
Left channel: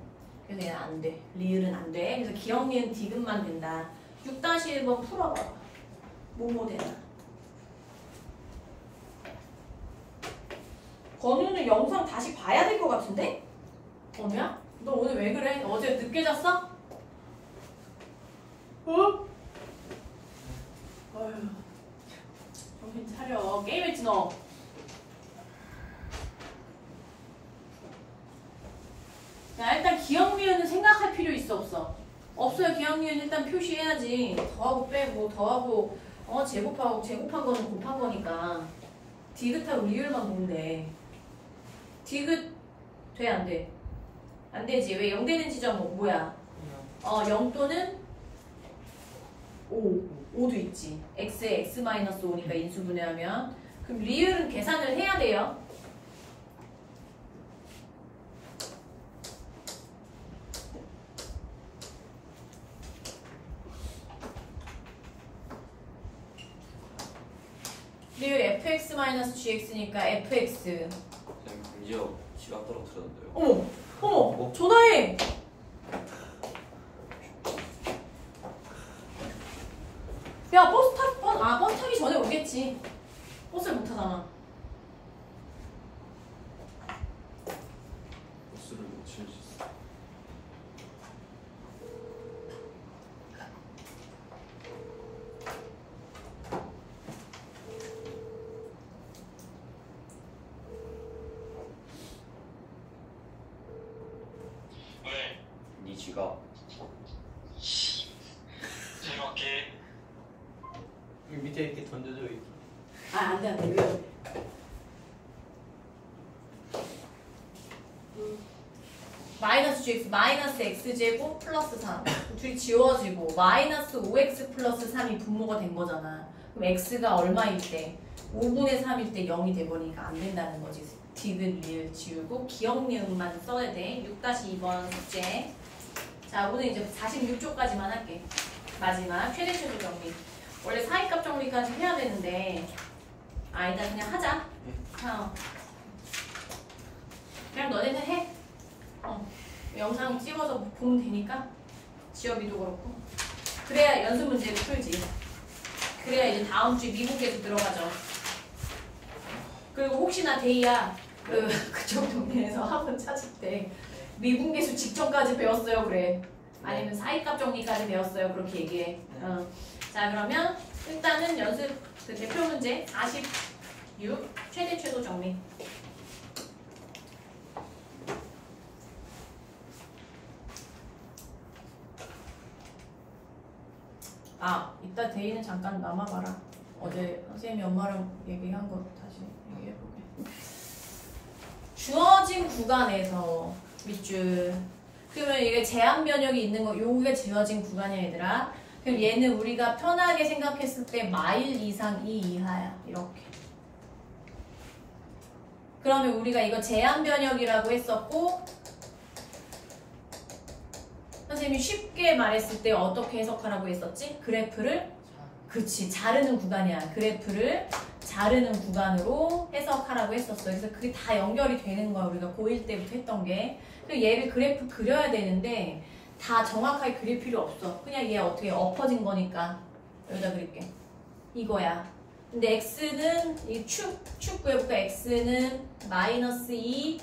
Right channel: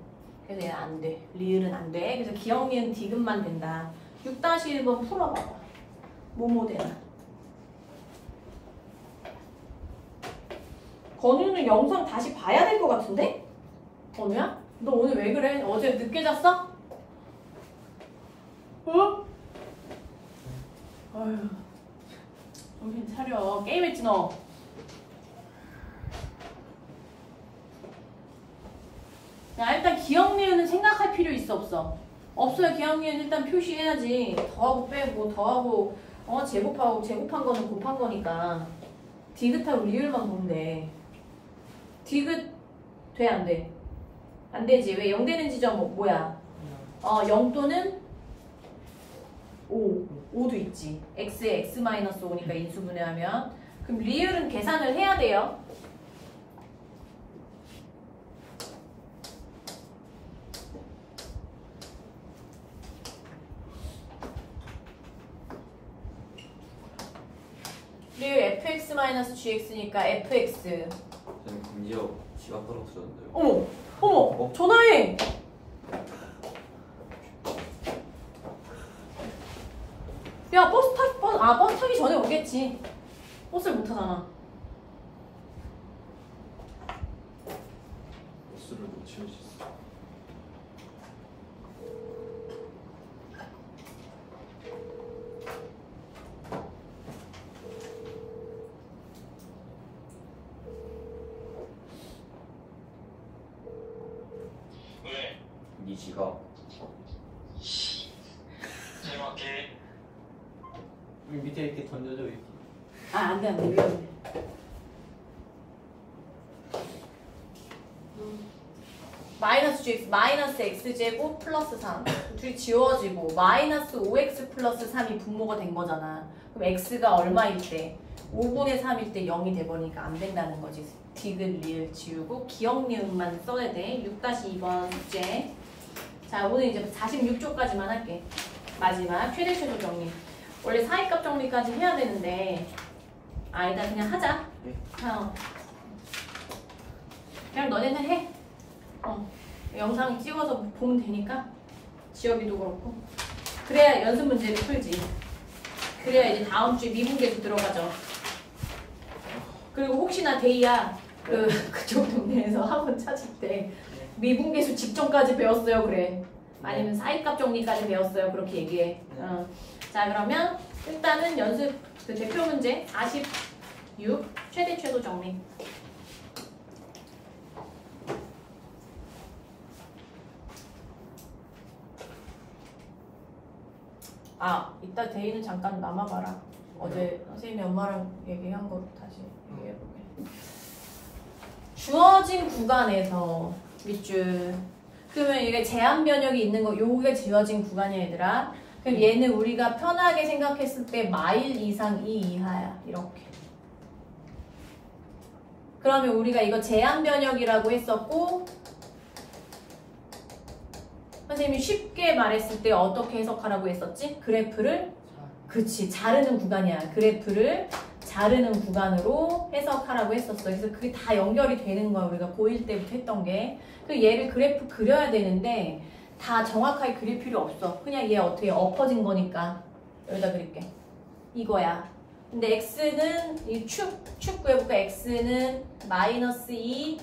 그래서 얘는 안 돼. 리을은 안 돼. 그래서 기억니은 디귿만 된다. 6-1번 풀어봐봐. 뭐뭐 되나? 건우는 영상 다시 봐야 될 것 같은데? 건우야? 너 오늘 왜 그래? 어제 늦게 잤어? 어휴. 정신 차려. 게임했지 너? 야 일단 기억니은은 생각할 필요 있어 없어? 없어요. 기억니은 일단 표시해야지. 더하고 빼고 더하고 제곱하고 제곱한 거는 곱한 거니까 디귿하고 리을만 보면 돼. 디귿 돼 안 돼? 안 되지. 왜 0 되는 지점 뭐야? 0 또는 5도 있지. x에 x-5니까 인수분해하면. 그럼 리을은 계산을 해야 돼요. 리을 fx-gx니까 fx. 저는 금지어 지갑 떨어뜨렸는데요. 어머 전화해. 야 버스 타기 전에 오겠지. 버스를 못 타잖아. 버스를 놓칠 수 있어. 왜? 네 지갑. 잘 갈게. 밑에 이렇게 던져줘 이렇게. 안 돼, 위험해. 마이너스 gx 마이너스 x제곱 플러스 3 둘이 지워지고 마이너스 5x 플러스 3이 분모가 된 거잖아. 그럼 x가 얼마일 때? 5분의 3일 때 0이 돼버리니까 안 된다는 거지. 디귿 1 지우고 기억 니은만 써야 돼. 6-2번 숙제. 자, 오늘 이제 46쪽까지만 할게. 마지막 최대 최소 정리. 원래 사이값 정리까지 해야 되는데 일단 그냥 하자. 그냥 너네는 해. 영상 찍어서 보면 되니까 지엽이도 그렇고. 그래야 연습 문제를 풀지. 그래야 이제 다음 주에 미분계수 들어가죠. 그리고 혹시나 데이야 그쪽 동네에서 학원 찾을 때 미분계수 직전까지 배웠어요 그래. 아니면 사이값 정리까지 배웠어요 그렇게 얘기해. 자 그러면 일단은 연습 그 대표 문제 46 최대 최소 정리. 이따 데이는 잠깐 남아봐라. 어제 선생님이 엄마랑 얘기한 거 다시 얘기해볼게. 주어진 구간에서 밑줄. 그러면 이게 제한 변역이 있는 거, 요게 주어진 구간이야 얘들아. 그럼 얘는 우리가 편하게 생각했을 때 마일 이상 이 이하야. 이렇게. 그러면 우리가 이거 제한 변역이라고 했었고 선생님이 쉽게 말했을 때 어떻게 해석하라고 했었지? 그래프를 그치 자르는 구간이야. 그래프를 자르는 구간으로 해석하라고 했었어. 그래서 그게 다 연결이 되는 거야. 우리가 고1 때부터 했던 게. 그리고 얘를 그래프 그려야 되는데 다 정확하게 그릴 필요 없어. 그냥 얘 어떻게 엎어진 거니까 여기다 그릴게. 이거야. 근데 x는 이 축 구해볼까? x는 마이너스 2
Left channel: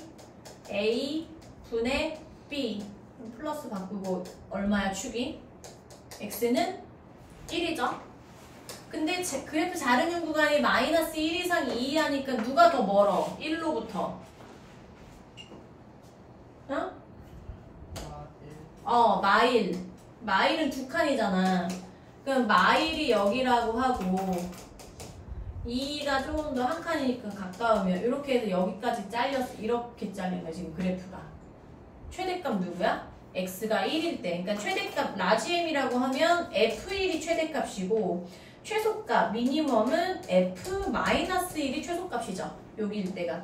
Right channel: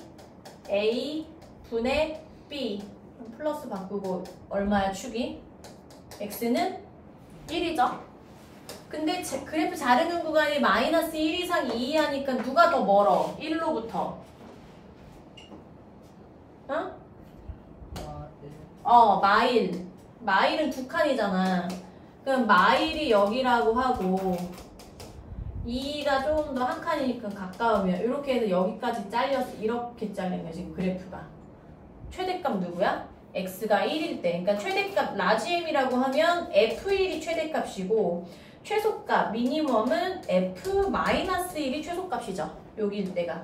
a 분의 b 플러스 바꾸고 얼마야 축이? x는 1이죠. 근데 그래프 자르는 구간이 마이너스 1 이상 2 하니까 누가 더 멀어? 1로부터. 응? 마일. 마일은 두 칸이잖아. 그럼 마일이 여기라고 하고 2가 조금 더 한 칸이니까 가까우면 이렇게 해서 여기까지 잘려서 이렇게 잘린 거야 지금 그래프가. 최대값 누구야? x가 1일 때. 그러니까 최대값 라지 m이라고 하면 f1이 최대값이고 최소값 미니멈은 f-1이 최소값이죠. 여기일 때가.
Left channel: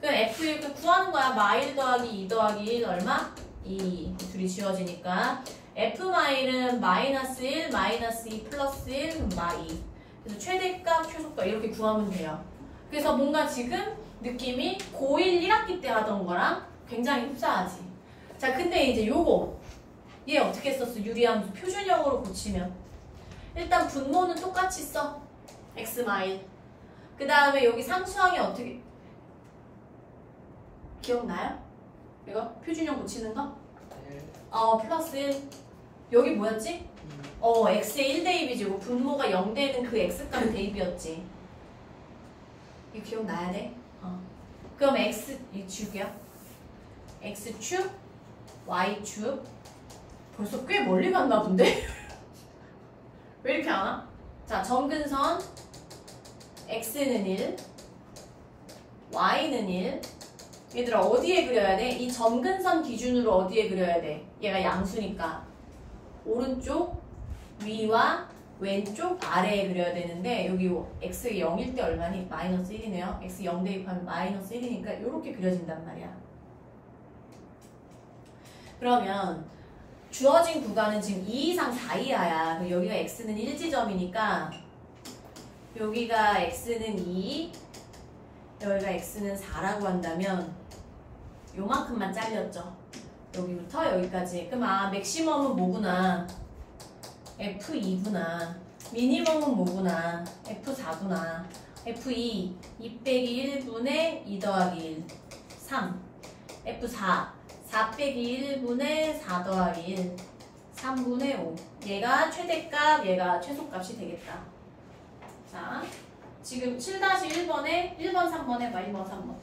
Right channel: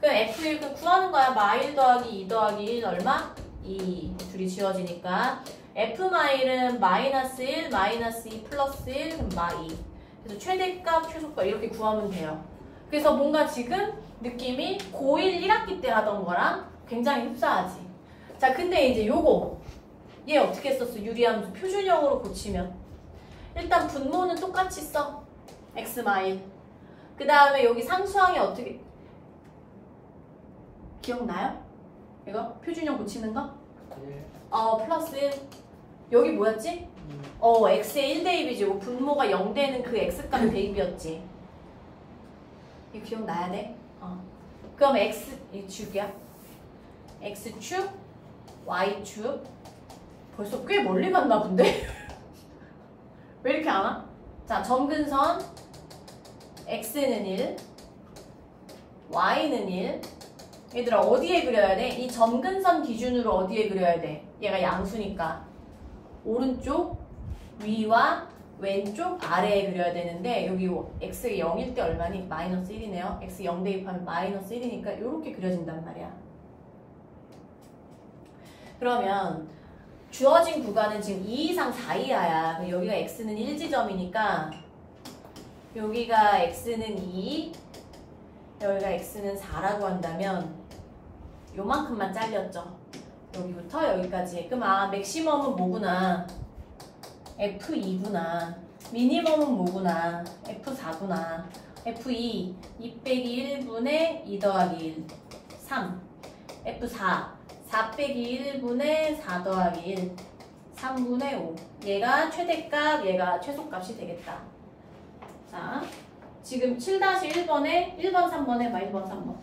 그럼 f1 구하는 거야. 마일 더하기 2 더하기 1 얼마? 2. 둘이 지워지니까 f-은 마이너스 1, 마이너스 2 플러스 1, 그럼 마2. 그래서 최대값, 최소값 이렇게 구하면 돼요. 그래서 뭔가 지금 느낌이 고1 1학기 때 하던 거랑 굉장히 흡사하지. 자, 근데 이제 요거 얘 어떻게 썼어? 유리함수 표준형으로 고치면 일단 분모는 똑같이 써. x 마일. 그 다음에 여기 상수항이 어떻게 기억나요? 이거 표준형 고치는 거? 플러스 1. 여기 뭐였지? x의 1 대입이지. 분모가 0 되는 그 x값 대입이었지. 이거 기억나야 돼? 그럼 x 이 축이야. x축, y축. 벌써 꽤 멀리 갔나 본데? 왜 이렇게 안 와? 자, 점근선 x는 1, y는 1. 얘들아 어디에 그려야 돼? 이 점근선 기준으로 어디에 그려야 돼? 얘가 양수니까 오른쪽 위와 왼쪽 아래에 그려야 되는데 여기 x가 0일 때 얼마니? 마이너스 1이네요. x 0 대입하면 마이너스 1이니까 이렇게 그려진단 말이야. 그러면 주어진 구간은 지금 2 이상 4 이하야. 여기가 x는 1지점이니까 여기가 x는 2, 여기가 x는 4라고 한다면 요만큼만 잘렸죠. 여기부터 여기까지. 그럼 맥시멈은 뭐구나? F2구나. 미니멈은 뭐구나? F4구나. F2, 2 빼기 1분의 2 더하기 1, 3. F4, 4 빼기 1분의 4 더하기 1, 3분의 5. 얘가 최대값, 얘가 최소값이 되겠다. 자, 지금 7-1번에 1번, 3번 해봐. 1번, 3번.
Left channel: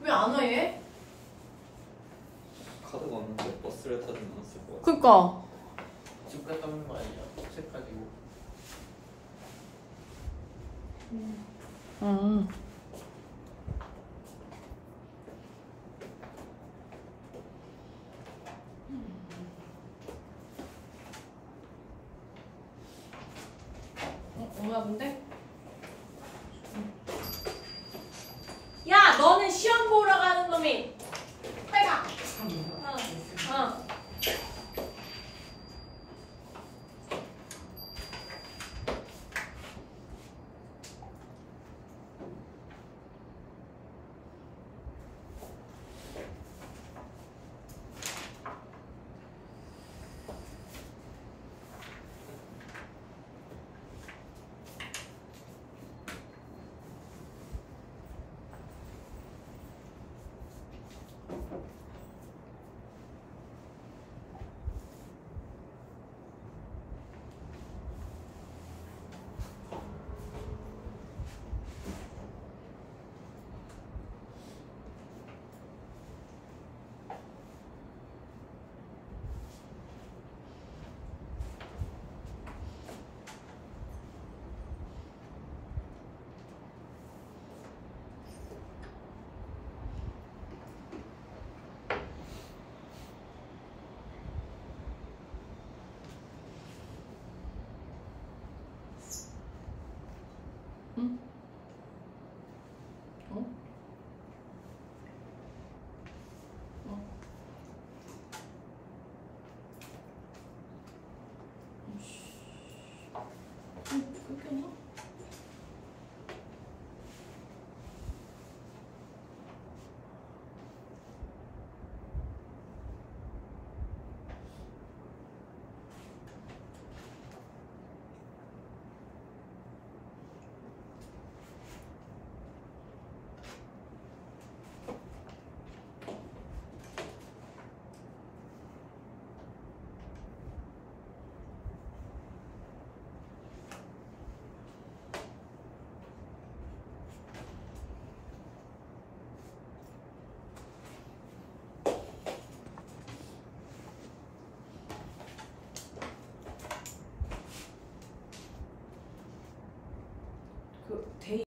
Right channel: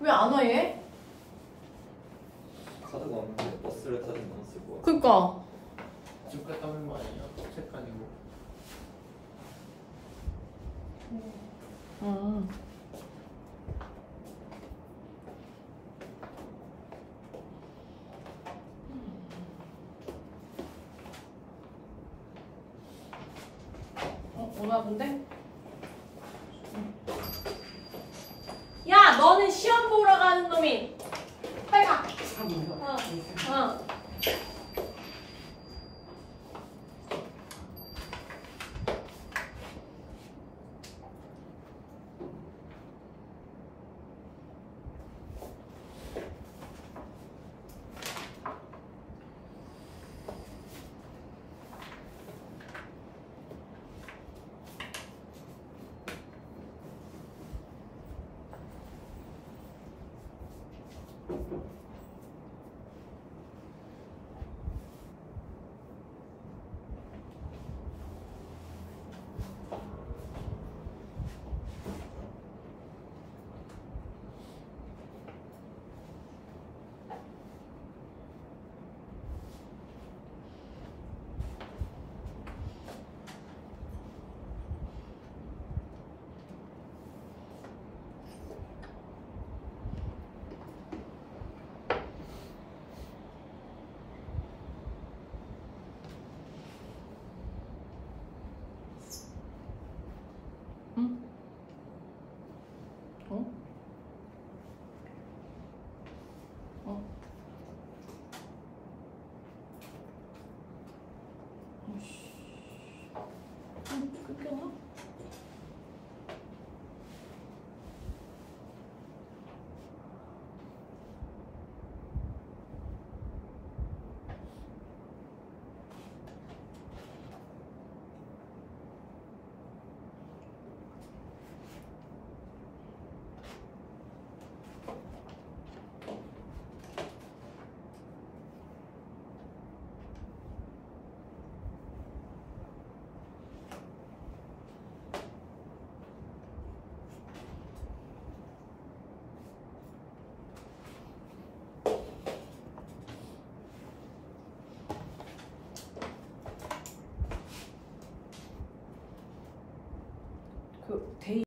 왜 안 와 얘? 카드가 없는데 버스를 타진 않았을 것 같아. 그니까. 쭉 갔다는 거 아니야? 책 아니고. 뭐야 근데? 야 너는 시험 보러 가는 놈이 빨리 가. 어.